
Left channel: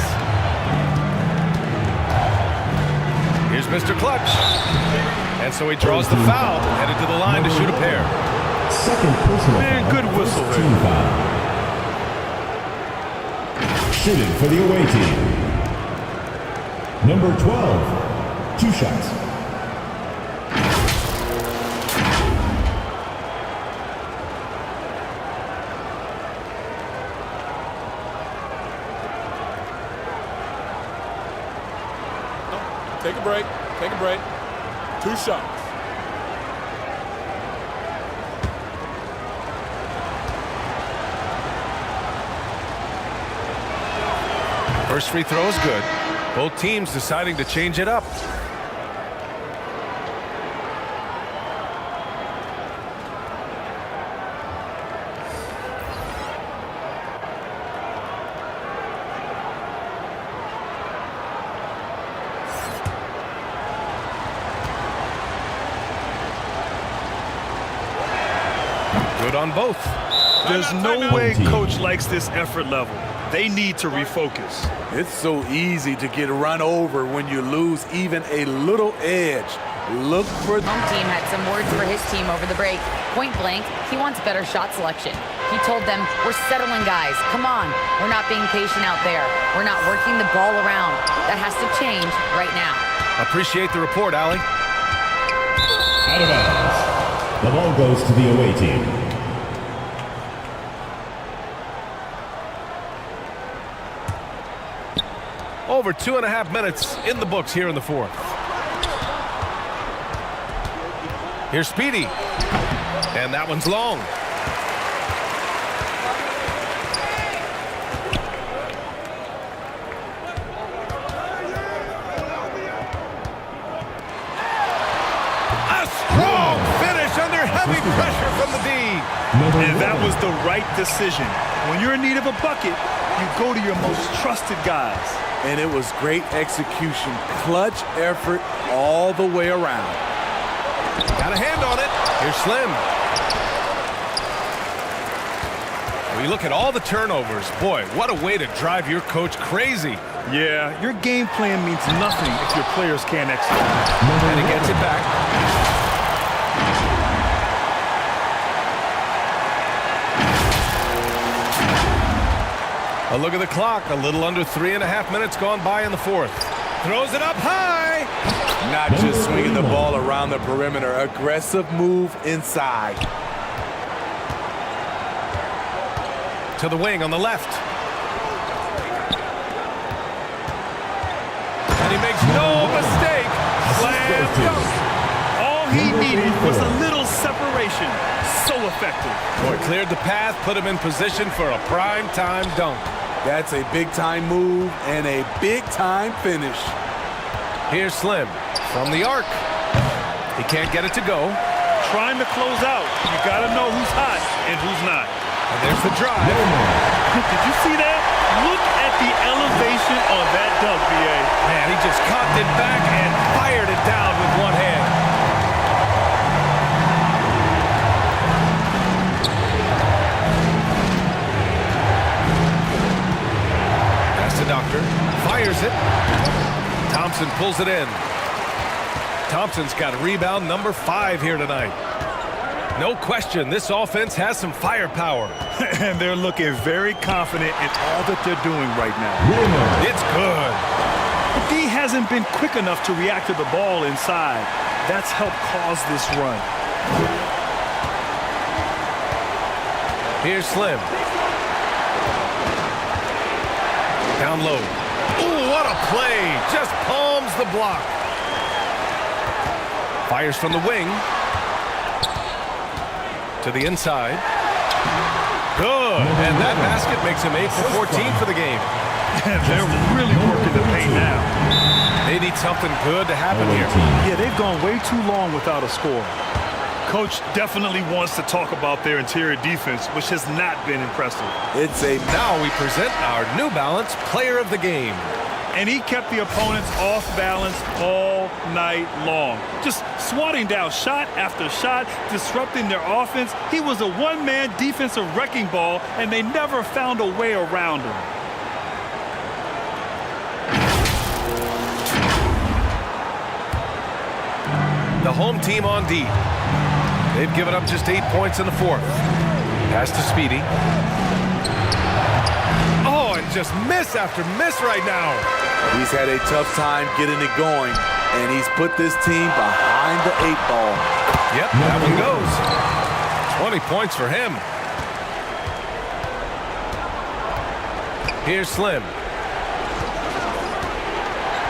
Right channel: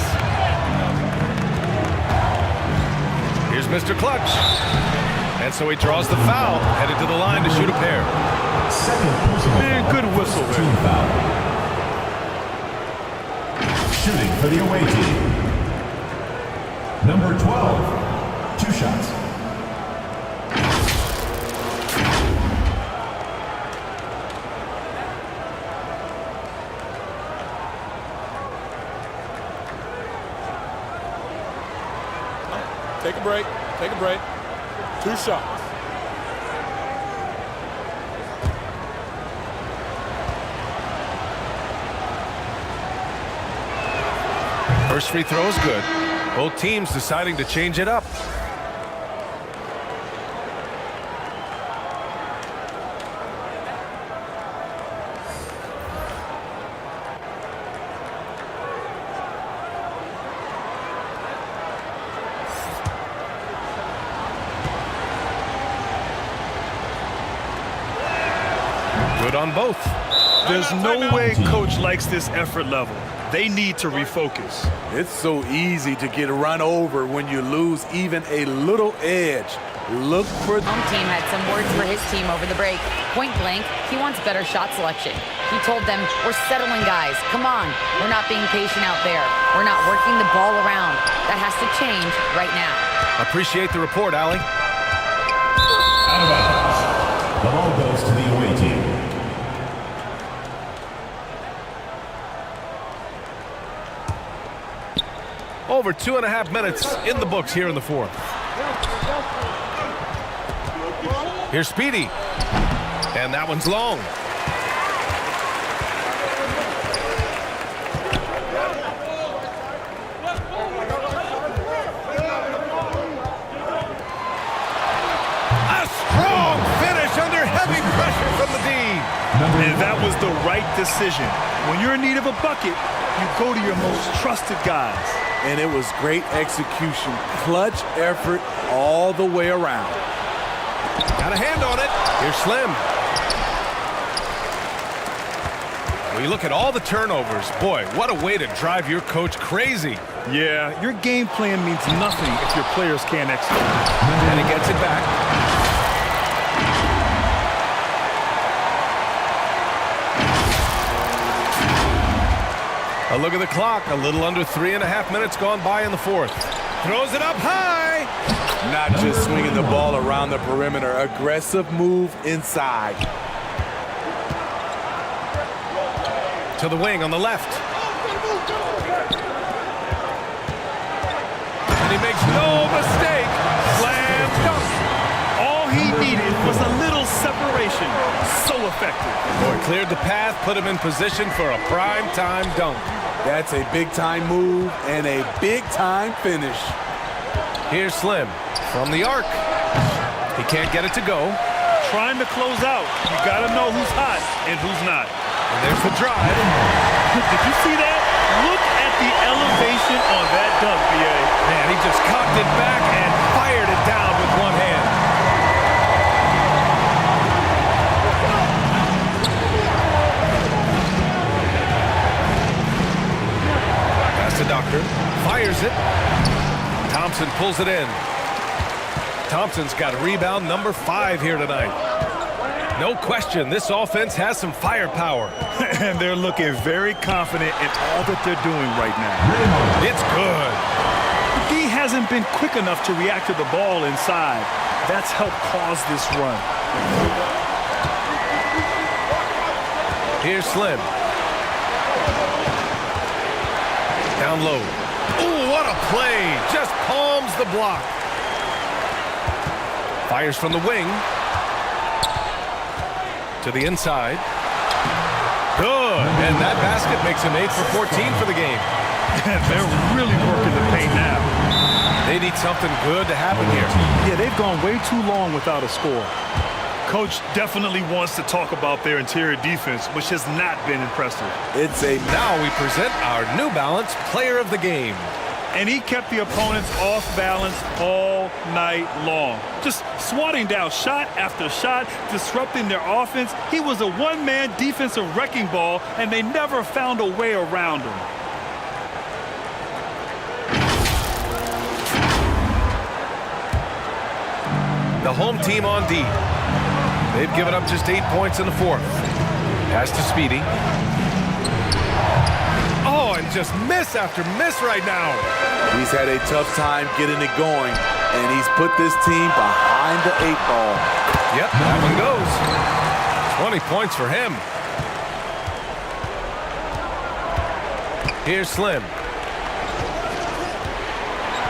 Here's Mr. Clutch. And so he draws the foul, headed to the line to shoot a pair. Second personal Man, good whistle there. Team foul. Shooting for the away team. Number 12, 2 shots. Take a break. Take a break. 2 shots. First free throw is good. Both teams deciding to change it up. Good on both. There's no way coach likes this effort level. They need to refocus. It's so easy to get run over when you lose even a little edge. Look for... Home team had some words for his team over the break. Point blank, he wants better shot selection. He told them, we're settling, guys. Come on. We're not being patient out there. We're not working the ball around. That has to change right now. Appreciate the report, Allie. Out of bounds. The ball goes to the away team. Over 2.5 minutes in the books here in the fourth. Here's Speedy. And that one's long. A strong finish under heavy pressure from the D. And that was the right decision. When you're in need of a bucket, you go to your most trusted guys. And it was great execution. Clutch effort all the way around. Got a hand on it. Here's Slim. Well, you look at all the turnovers. Boy, what a way to drive your coach crazy. Yeah, your game plan means nothing if your players can't execute. And he gets it back. A look at the clock. A little under 3.5 minutes gone by in the fourth. Throws it up high. Not just swinging the ball around the perimeter. Aggressive move inside. To the wing on the left. And he makes no mistake. Slam dunk. All he needed was a little separation. So effective. Boy, cleared the path, put him in position for a prime-time dunk. That's a big-time move and a big-time finish. Here's Slim from the arc. He can't get it to go. Trying to close out. You got to know who's hot and who's not. And there's the drive. Did you see that? Look at the elevation on that dunk, BA. Man, he just cocked it back and fired it down with one hand. Pass to Doctor. Fires it. Thompson pulls it in. Thompson's got rebound number 5 here tonight. No question, this offense has some firepower. And they're looking very confident in all that they're doing right now. It's good. The D hasn't been quick enough to react to the ball inside. That's helped cause this run. Here's Slim. Down low. Ooh, what a play. Just palms the block. Fires from the wing. To the inside. Good. And that basket makes him 8 for 14 for the game. They're really working the paint now. They need something good to happen here. Yeah, they've gone way too long without a score. Coach definitely wants to talk about their interior defense, which has not been impressive. Now we present our New Balance Player of the Game. And he kept the opponents off balance all night long. Just swatting down shot after shot, disrupting their offense. He was a one-man defensive wrecking ball, and they never found a way around him. The home team on D. They've given up just 8 points in the fourth. Pass to Speedy. Oh, and just miss after miss right now. He's had a tough time getting it going, and he's put this team behind the 8 ball. Yep, that one goes. 20 points for him. Here's Slim.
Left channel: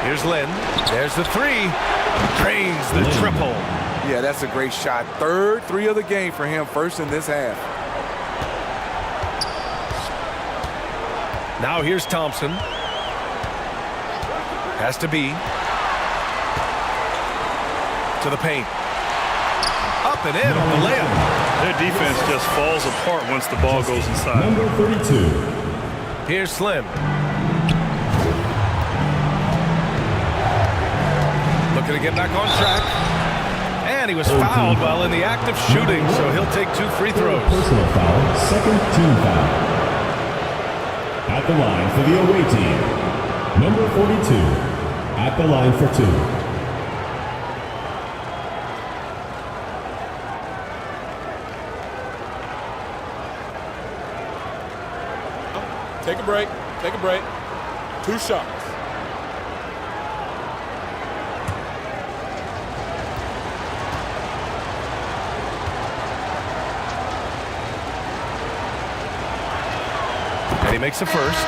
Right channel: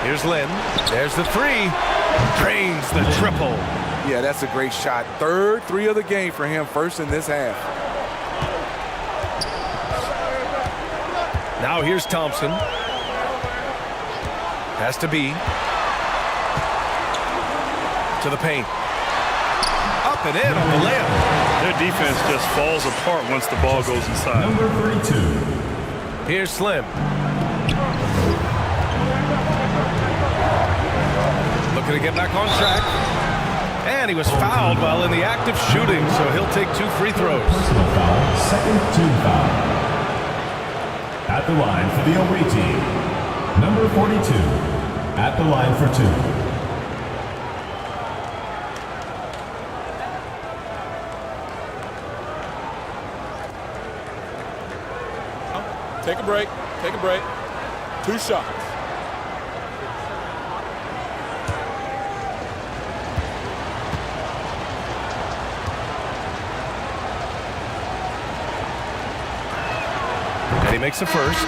Here's Lynn. There's the 3. Drains the triple. Yeah, that's a great shot. Third 3 of the game for him, first in this half. Now here's Thompson. Has to be. To the paint. Up and in on the layup. Their defense just falls apart once the ball goes inside. Number 32. Here's Slim. Looking to get back on track. And he was fouled while in the act of shooting, so he'll take 2 free throws. Personal foul, second team foul. At the line for the away team, number 42. At the line for 2. Take a break. Take a break. 2 shots. And he makes the first.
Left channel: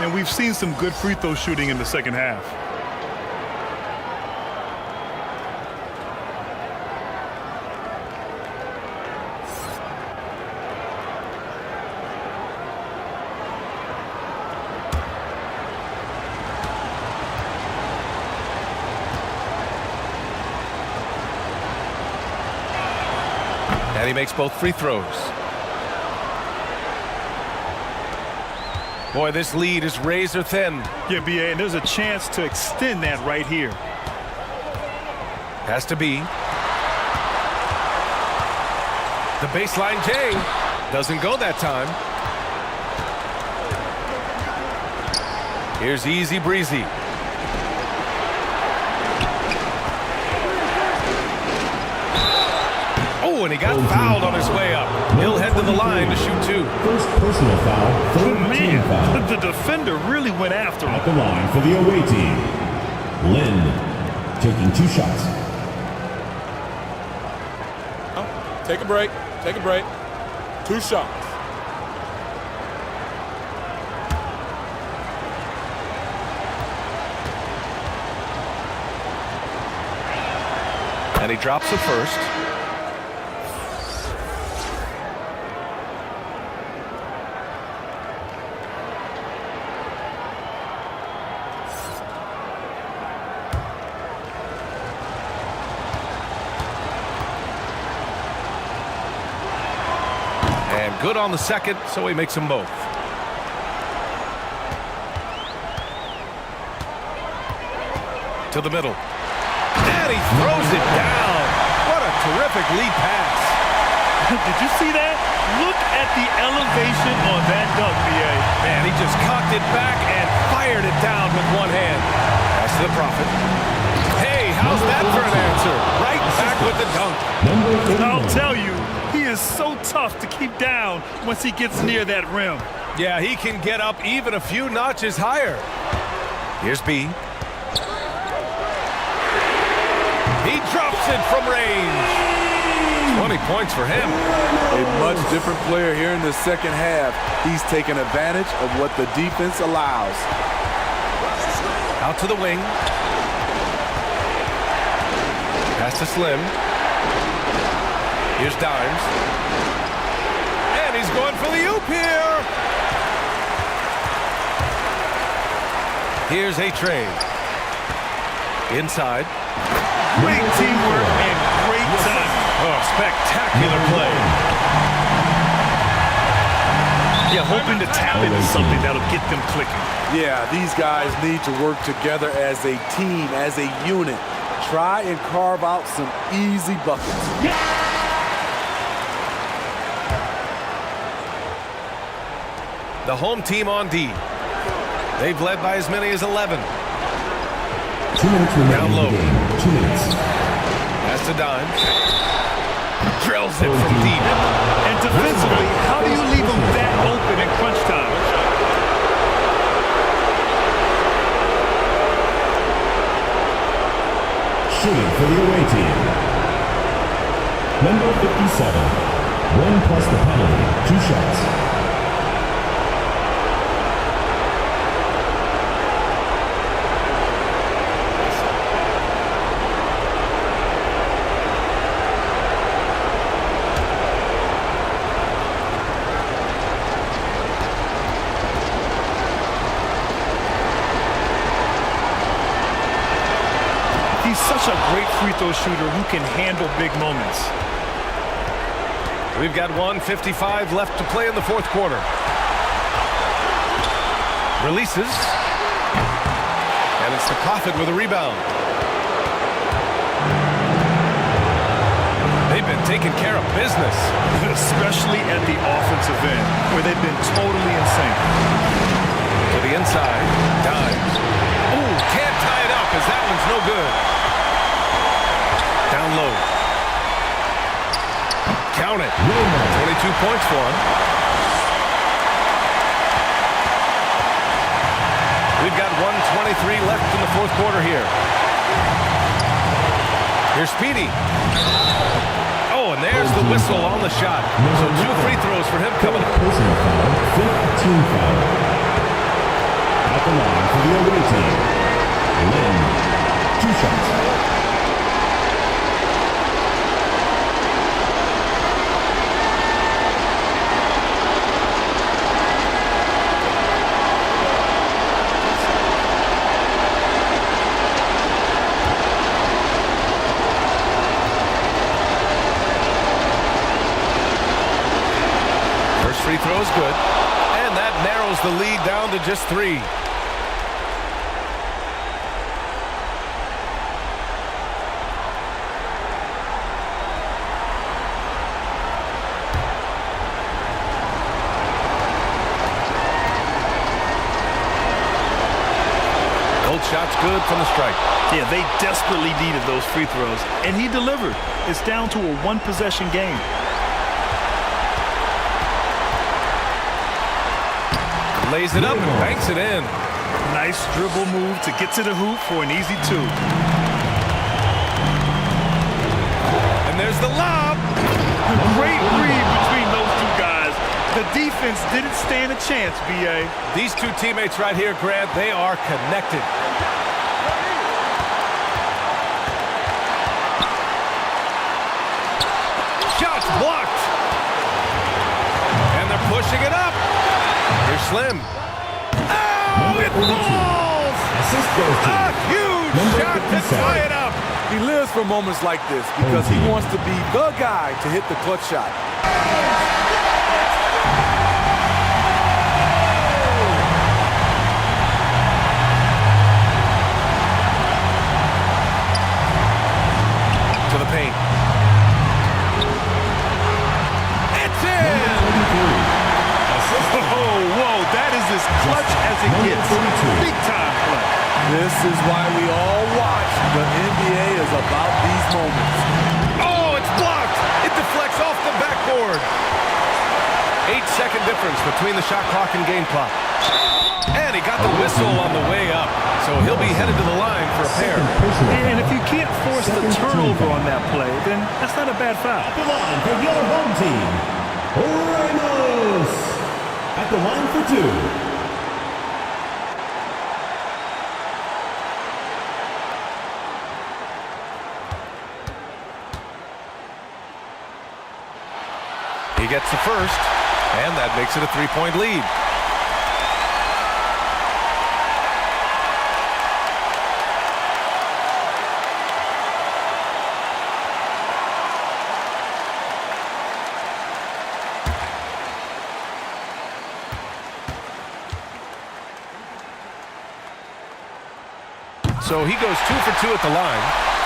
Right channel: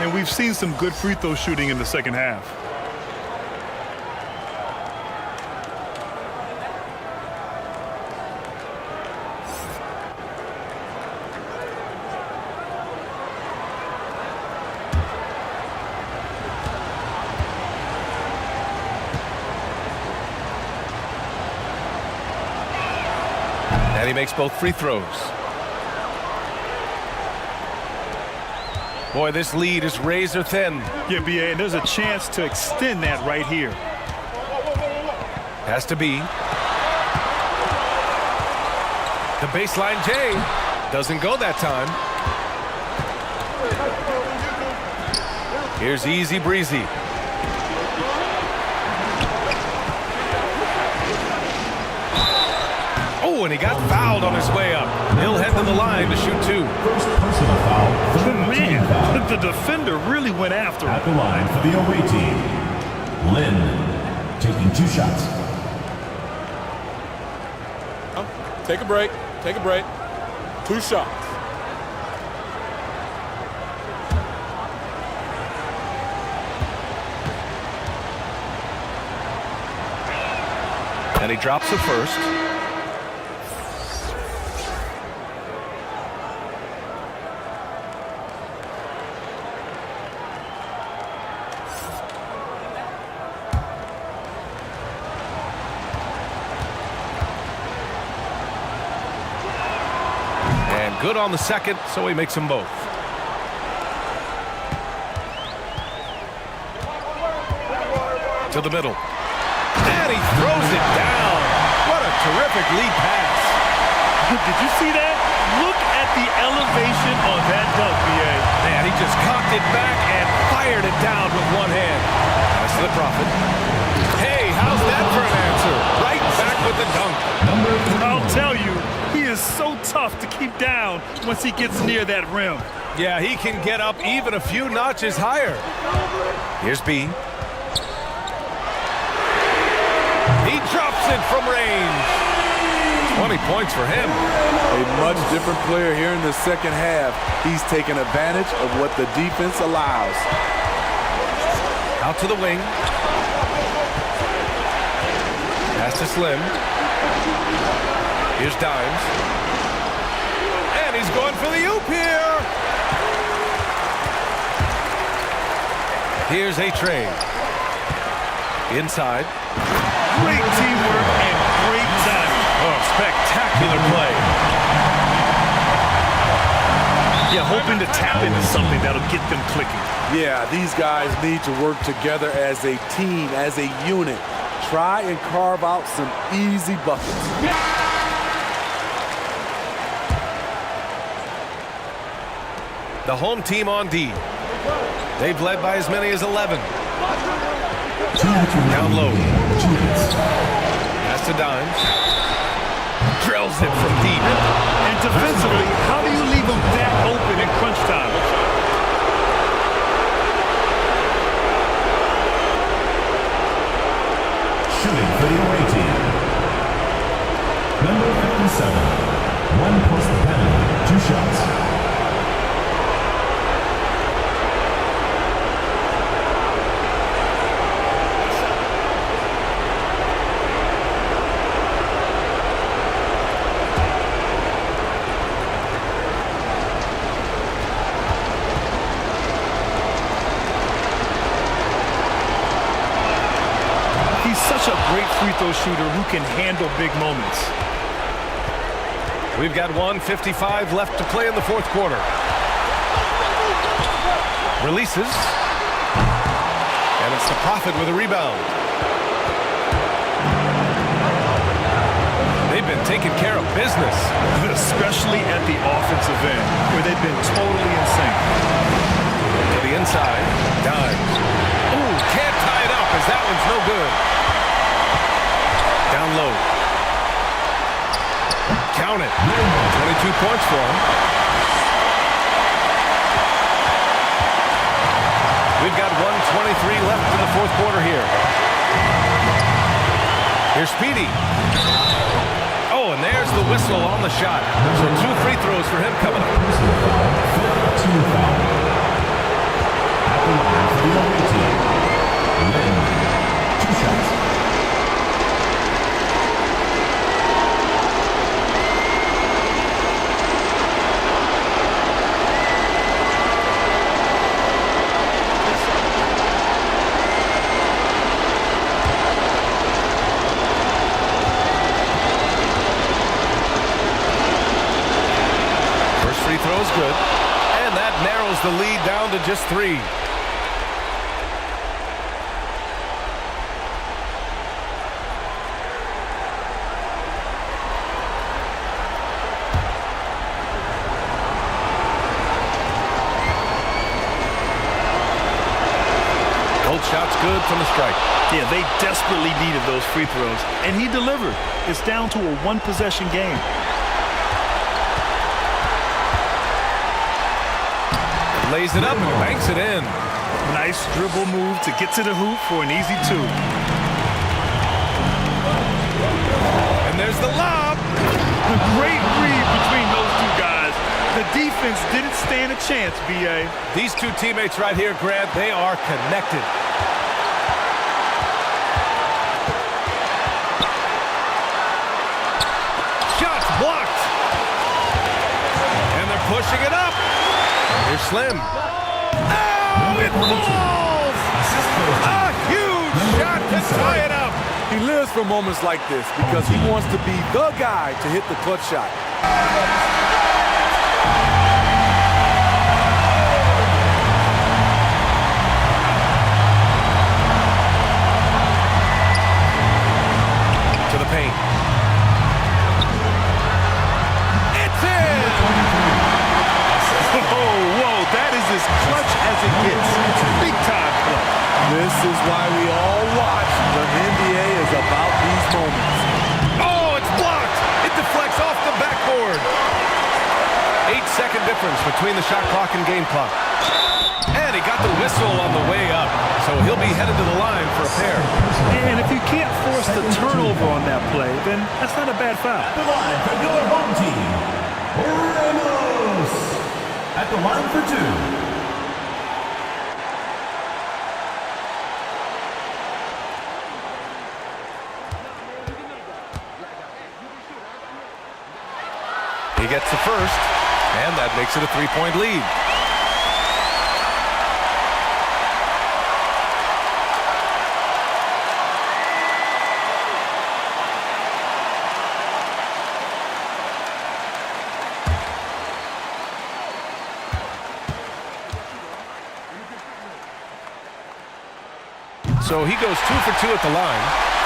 And we've seen some good free throw shooting in the second half. And he makes both free throws. Boy, this lead is razor thin. Yeah, BA, and there's a chance to extend that right here. Has to be. The baseline J doesn't go that time. Here's Easy Breezy. Oh, and he got fouled on his way up. He'll head to the line to shoot 2. First personal foul, third team foul. The defender really went after him. At the line for the away team, Lynn taking 2 shots. Take a break. Take a break. 2 shots. And he drops the first. And good on the second, so he makes them both. To the middle. And he throws it down. What a terrific lead pass. Did you see that? Look at the elevation on that dunk, BA. Man, he just cocked it back and fired it down with one hand. Pass to the Prophet. Hey, how's that for an answer? Right back with the dunk. I'll tell you, he is so tough to keep down once he gets near that rim. Yeah, he can get up even a few notches higher. Here's B. He drops it from range. 20 points for him. A much different player here in the second half. He's taking advantage of what the defense allows. Out to the wing. Pass to Slim. Here's Dimes. And he's going for the oop here. Here's A-Train. Inside. Great teamwork and great timing. Oh, spectacular play. Yeah, hoping to tap into something that'll get them clicking. Yeah, these guys need to work together as a team, as a unit. Try and carve out some easy buckets. The home team on D. They've led by as many as 11. 2 minutes remaining. Down low. 2 minutes. Pass to Dimes. Drills it from deep. And defensively, how do you leave them that open in crunch time? Shooting for the away team, number 57. 1 plus the penalty. 2 shots. He's such a great free throw shooter who can handle big moments. We've got 1:55 left to play in the fourth quarter. Releases. And it's the Prophet with a rebound. They've been taking care of business. Especially at the offensive end, where they've been totally in sync. To the inside. Dimes. Oh, can't tie it up as that one's no good. Down low. Count it. 22 points for him. We've got 1:23 left in the fourth quarter here. Here's Speedy. Oh, and there's the whistle on the shot. So 2 free throws for him coming up. Personal foul, 5th team foul. At the line for the away team, Lynn, 2 shots. First free throw is good, and that narrows the lead down to just 3. Both shots good from the strike. Yeah, they desperately needed those free throws, and he delivered. It's down to a 1-possession game. Lays it up and banks it in. Nice dribble move to get to the hoop for an easy 2. And there's the lob. Great read between those 2 guys. The defense didn't stand a chance, B.A. These 2 teammates right here, Grant, they are connected. Shots blocked. And they're pushing it up. Here's Slim. Oh, it falls! A huge shot to tie it up. He lives for moments like this because he wants to be the guy to hit the clutch shot. To the paint. It's in! Oh, whoa, that is as clutch as it gets. Big time play. This is why we all watch. The NBA is about these moments. Oh, it's blocked. It deflects off the backboard. 8-second difference between the shot clock and game clock. And he got the whistle on the way up. So he'll be headed to the line for a pair. And if you can't force the turnover on that play, then that's not a bad foul. At the line for your home team, Ramos. At the line for 2. He gets the first, and that makes it a 3-point lead. So he goes 2 for 2 at the line,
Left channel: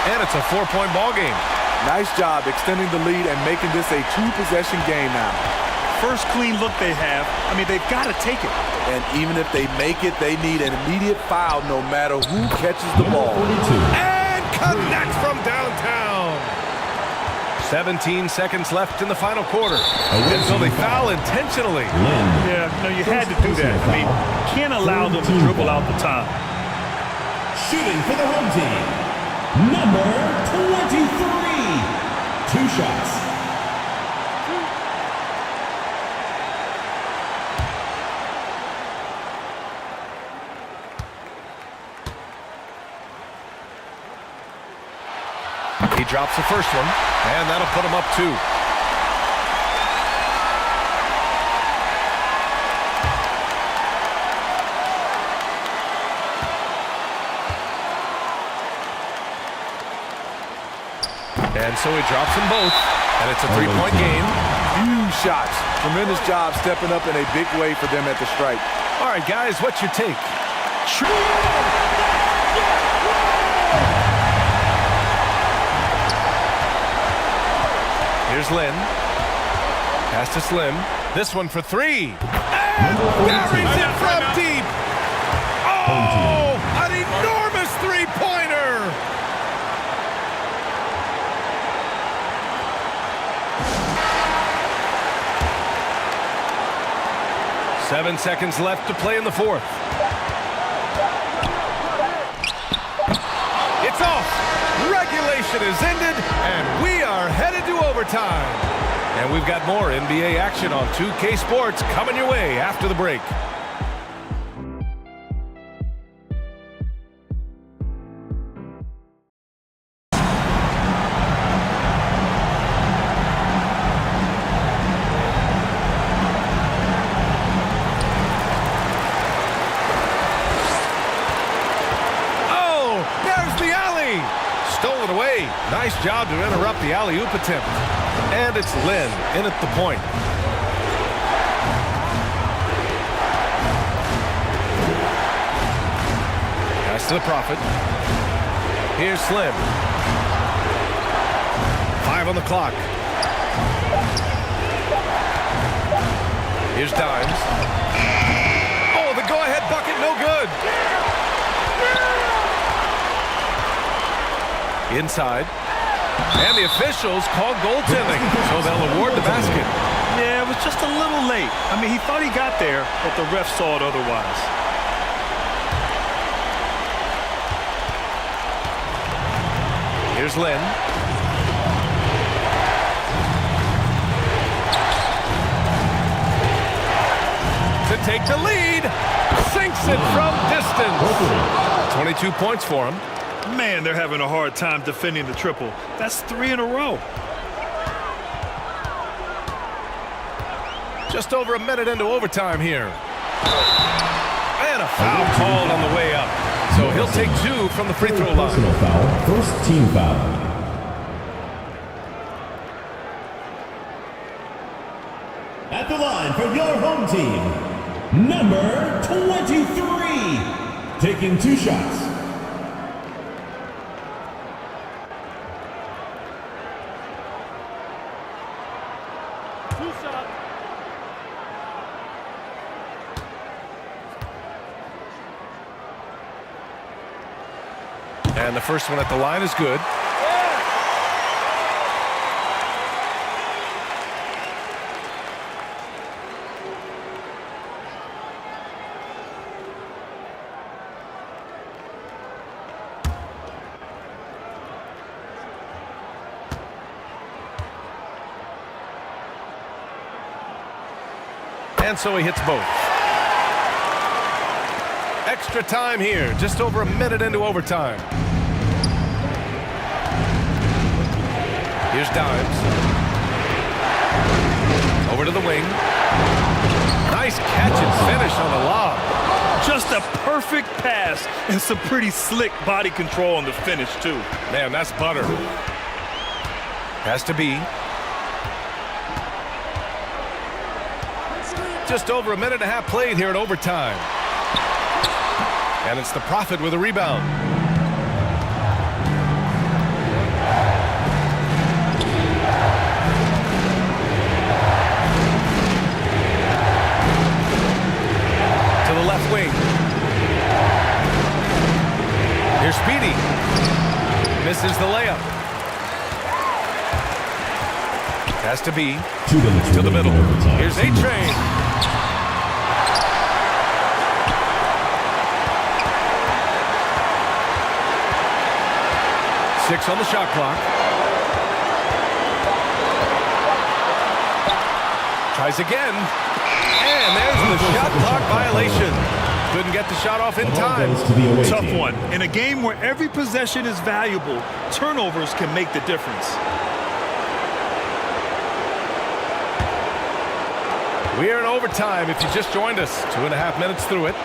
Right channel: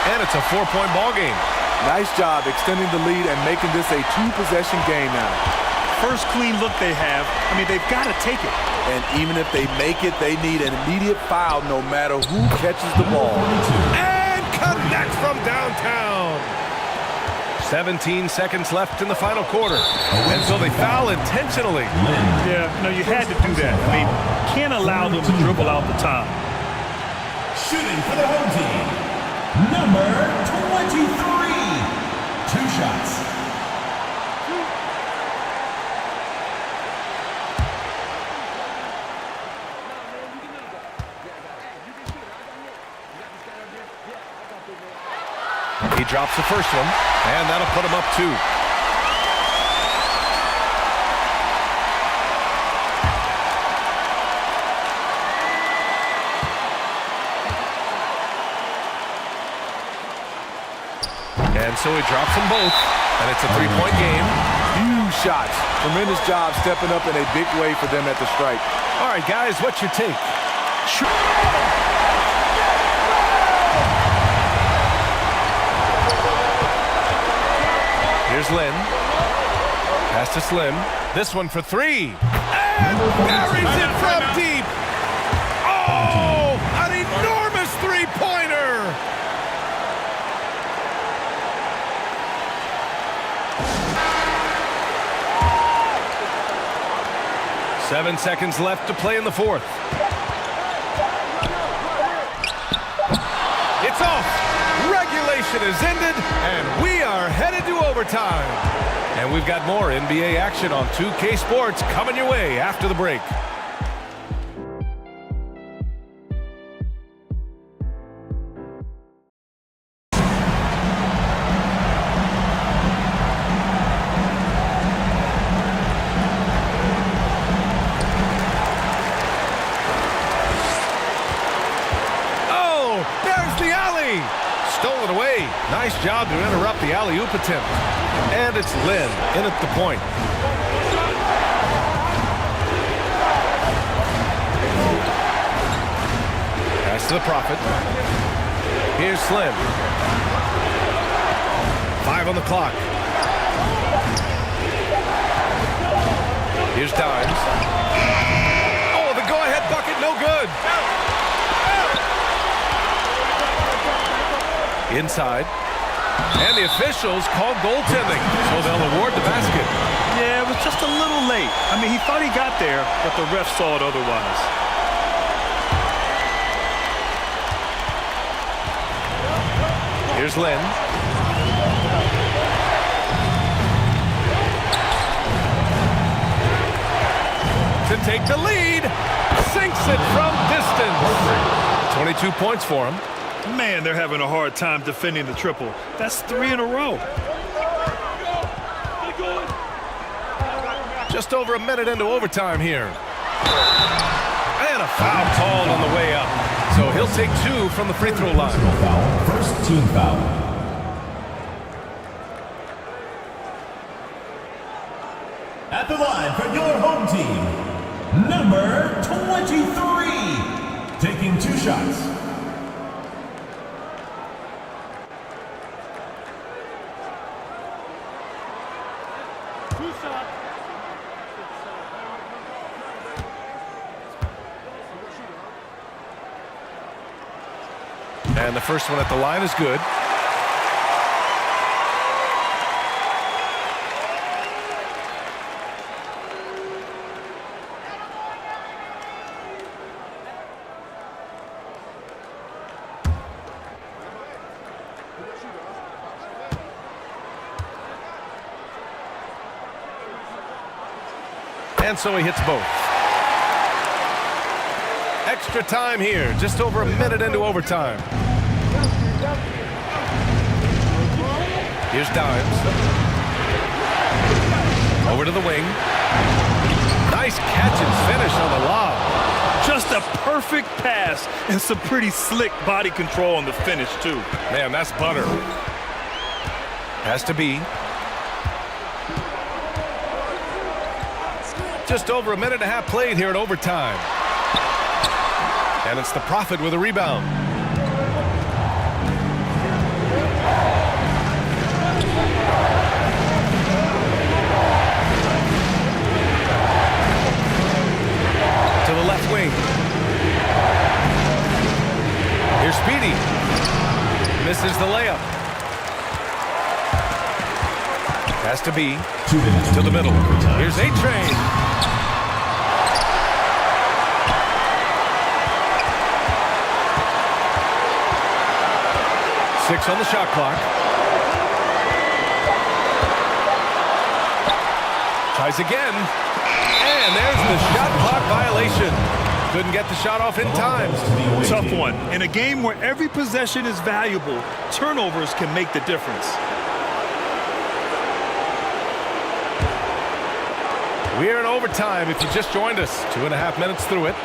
and it's a 4-point ball game. Nice job extending the lead and making this a 2-possession game now. First clean look they have. I mean, they've got to take it. And even if they make it, they need an immediate foul no matter who catches the ball. And connects from downtown. 17 seconds left in the final quarter. And so they foul intentionally. Yeah, no, you had to do that. I mean, can't allow them to dribble out the time. Shooting for the home team, number 23. 2 shots. He drops the first one, and that'll put him up 2. And so he drops them both, and it's a three-point game. Huge shots. Tremendous job stepping up in a big way for them at the stripe. All right, guys, what's your take? Here's Lynn. Pass to Slim. This one for three. And buries it from deep. Oh, an enormous three-pointer. Seven seconds left to play in the fourth. It's off. Regulation is ended, and we are headed to overtime. And we've got more NBA action on 2K Sports coming your way after the break. Oh, there's the alley. Stolen away. Nice job to interrupt the alley-oop attempt. And it's Lynn in at the point. Pass to the Prophet. Here's Slim. 5 on the clock. Here's Dimes. Oh, the go-ahead bucket, no good. Inside. And the officials called goaltending, so they'll award the basket. Yeah, it was just a little late. I mean, he thought he got there, but the ref saw it otherwise. Here's Lynn. To take the lead. Sinks it from distance. 22 points for him. Man, they're having a hard time defending the triple. That's 3 in a row. Just over a minute into overtime here. And a foul called on the way up. So he'll take 2 from the free throw line. Personal foul, first team foul. At the line for your home team, number 23, taking 2 shots. And the first one at the line is good. And so he hits both. Extra time here, just over a minute into overtime. Here's Dimes. Over to the wing. Nice catch and finish on the lob. Just a perfect pass and some pretty slick body control on the finish, too. Man, that's butter. Has to be. Just over a minute and a half played here in overtime. And it's the Prophet with a rebound. To the left wing. Here's Speedy. Misses the layup. Has to be. 2 minutes to the middle. Overtime. Here's A-Train. Six on the shot clock. Tries again. And there's the shot clock violation. Couldn't get the shot off in time. Tough one. In a game where every possession is valuable, turnovers can make the difference. We are in overtime if you just joined us. 2.5 minutes through it.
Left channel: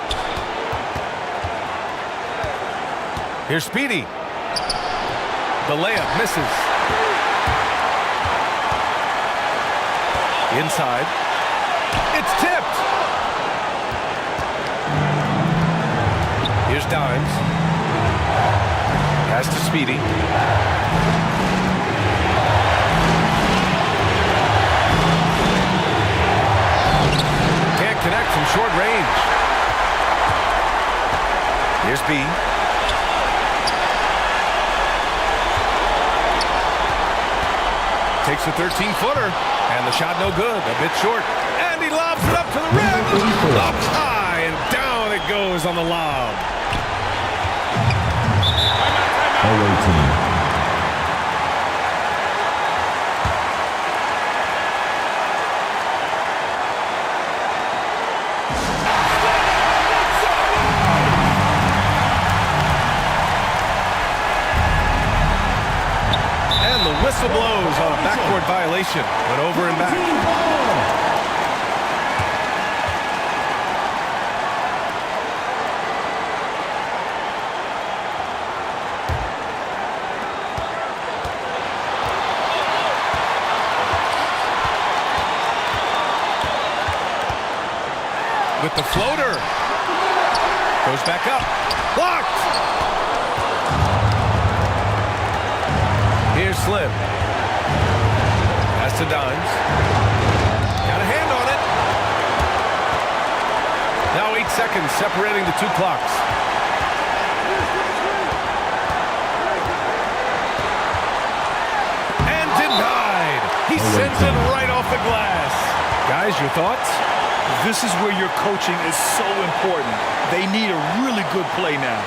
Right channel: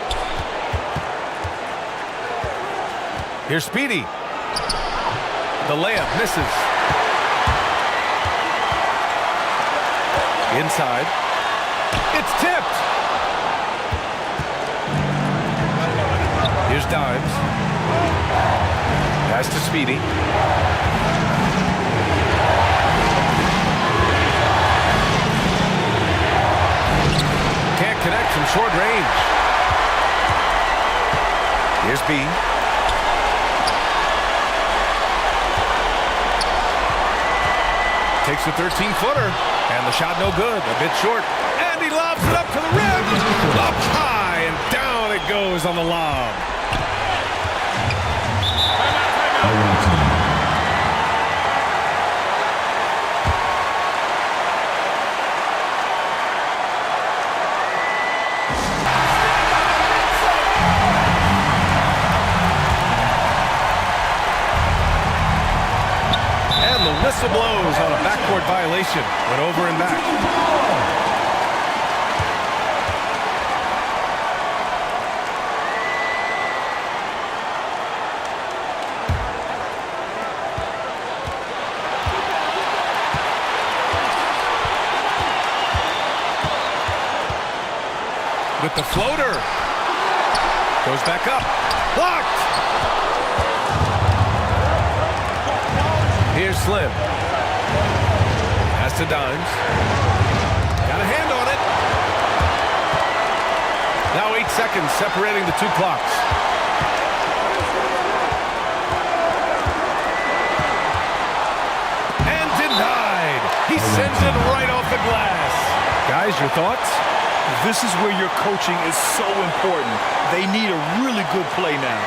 Here's Speedy. The layup misses. Inside. It's tipped. Here's Dimes. Pass to Speedy. Can't connect from short range. Here's B. Takes a 13-footer. And the shot no good. A bit short. And he lobs it up to the rim. Up high and down it goes on the lob. Away team. And the whistle blows on a backcourt violation. Went over and back. With the floater. Goes back up. Blocked. Here's Slim. Pass to Dimes. Got a hand on it. Now 8 seconds separating the two clocks. And denied. He sends it right off the glass. Guys, your thoughts? This is where your coaching is so important. They need a really good play now.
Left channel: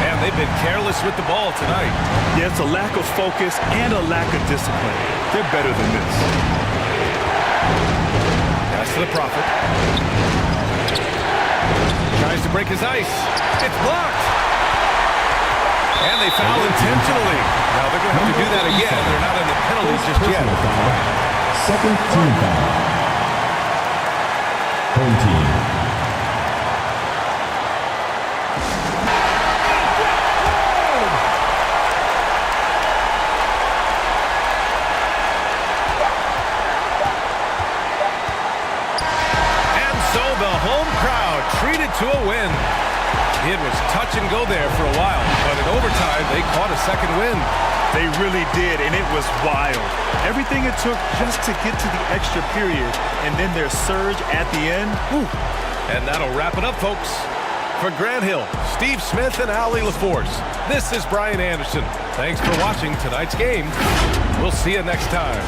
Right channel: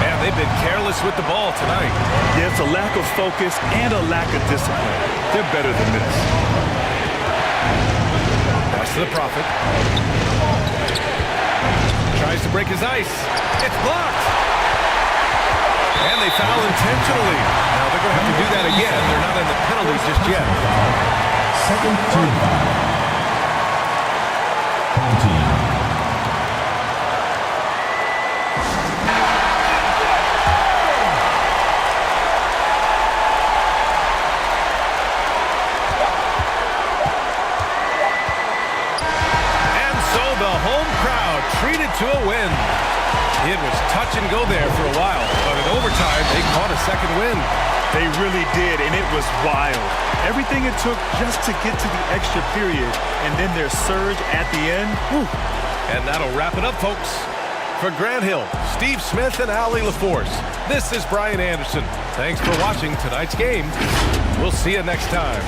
Man, they've been careless with the ball tonight. Yeah, it's a lack of focus and a lack of discipline. They're better than this. Pass to the Prophet. Tries to break his ice. It's blocked. And they foul intentionally. Now they're going to have to do that again. They're not in the penalties just yet. Second team foul. Home team. And so the home crowd treated to a win. It was touch and go there for a while, but in overtime, they caught a second win. They really did, and it was wild. Everything it took just to get to the extra period, and then their surge at the end. Whew. And that'll wrap it up, folks. For Grant Hill, Steve Smith, and Ali LaForce, this is Brian Anderson. Thanks for watching tonight's game. We'll see you next time.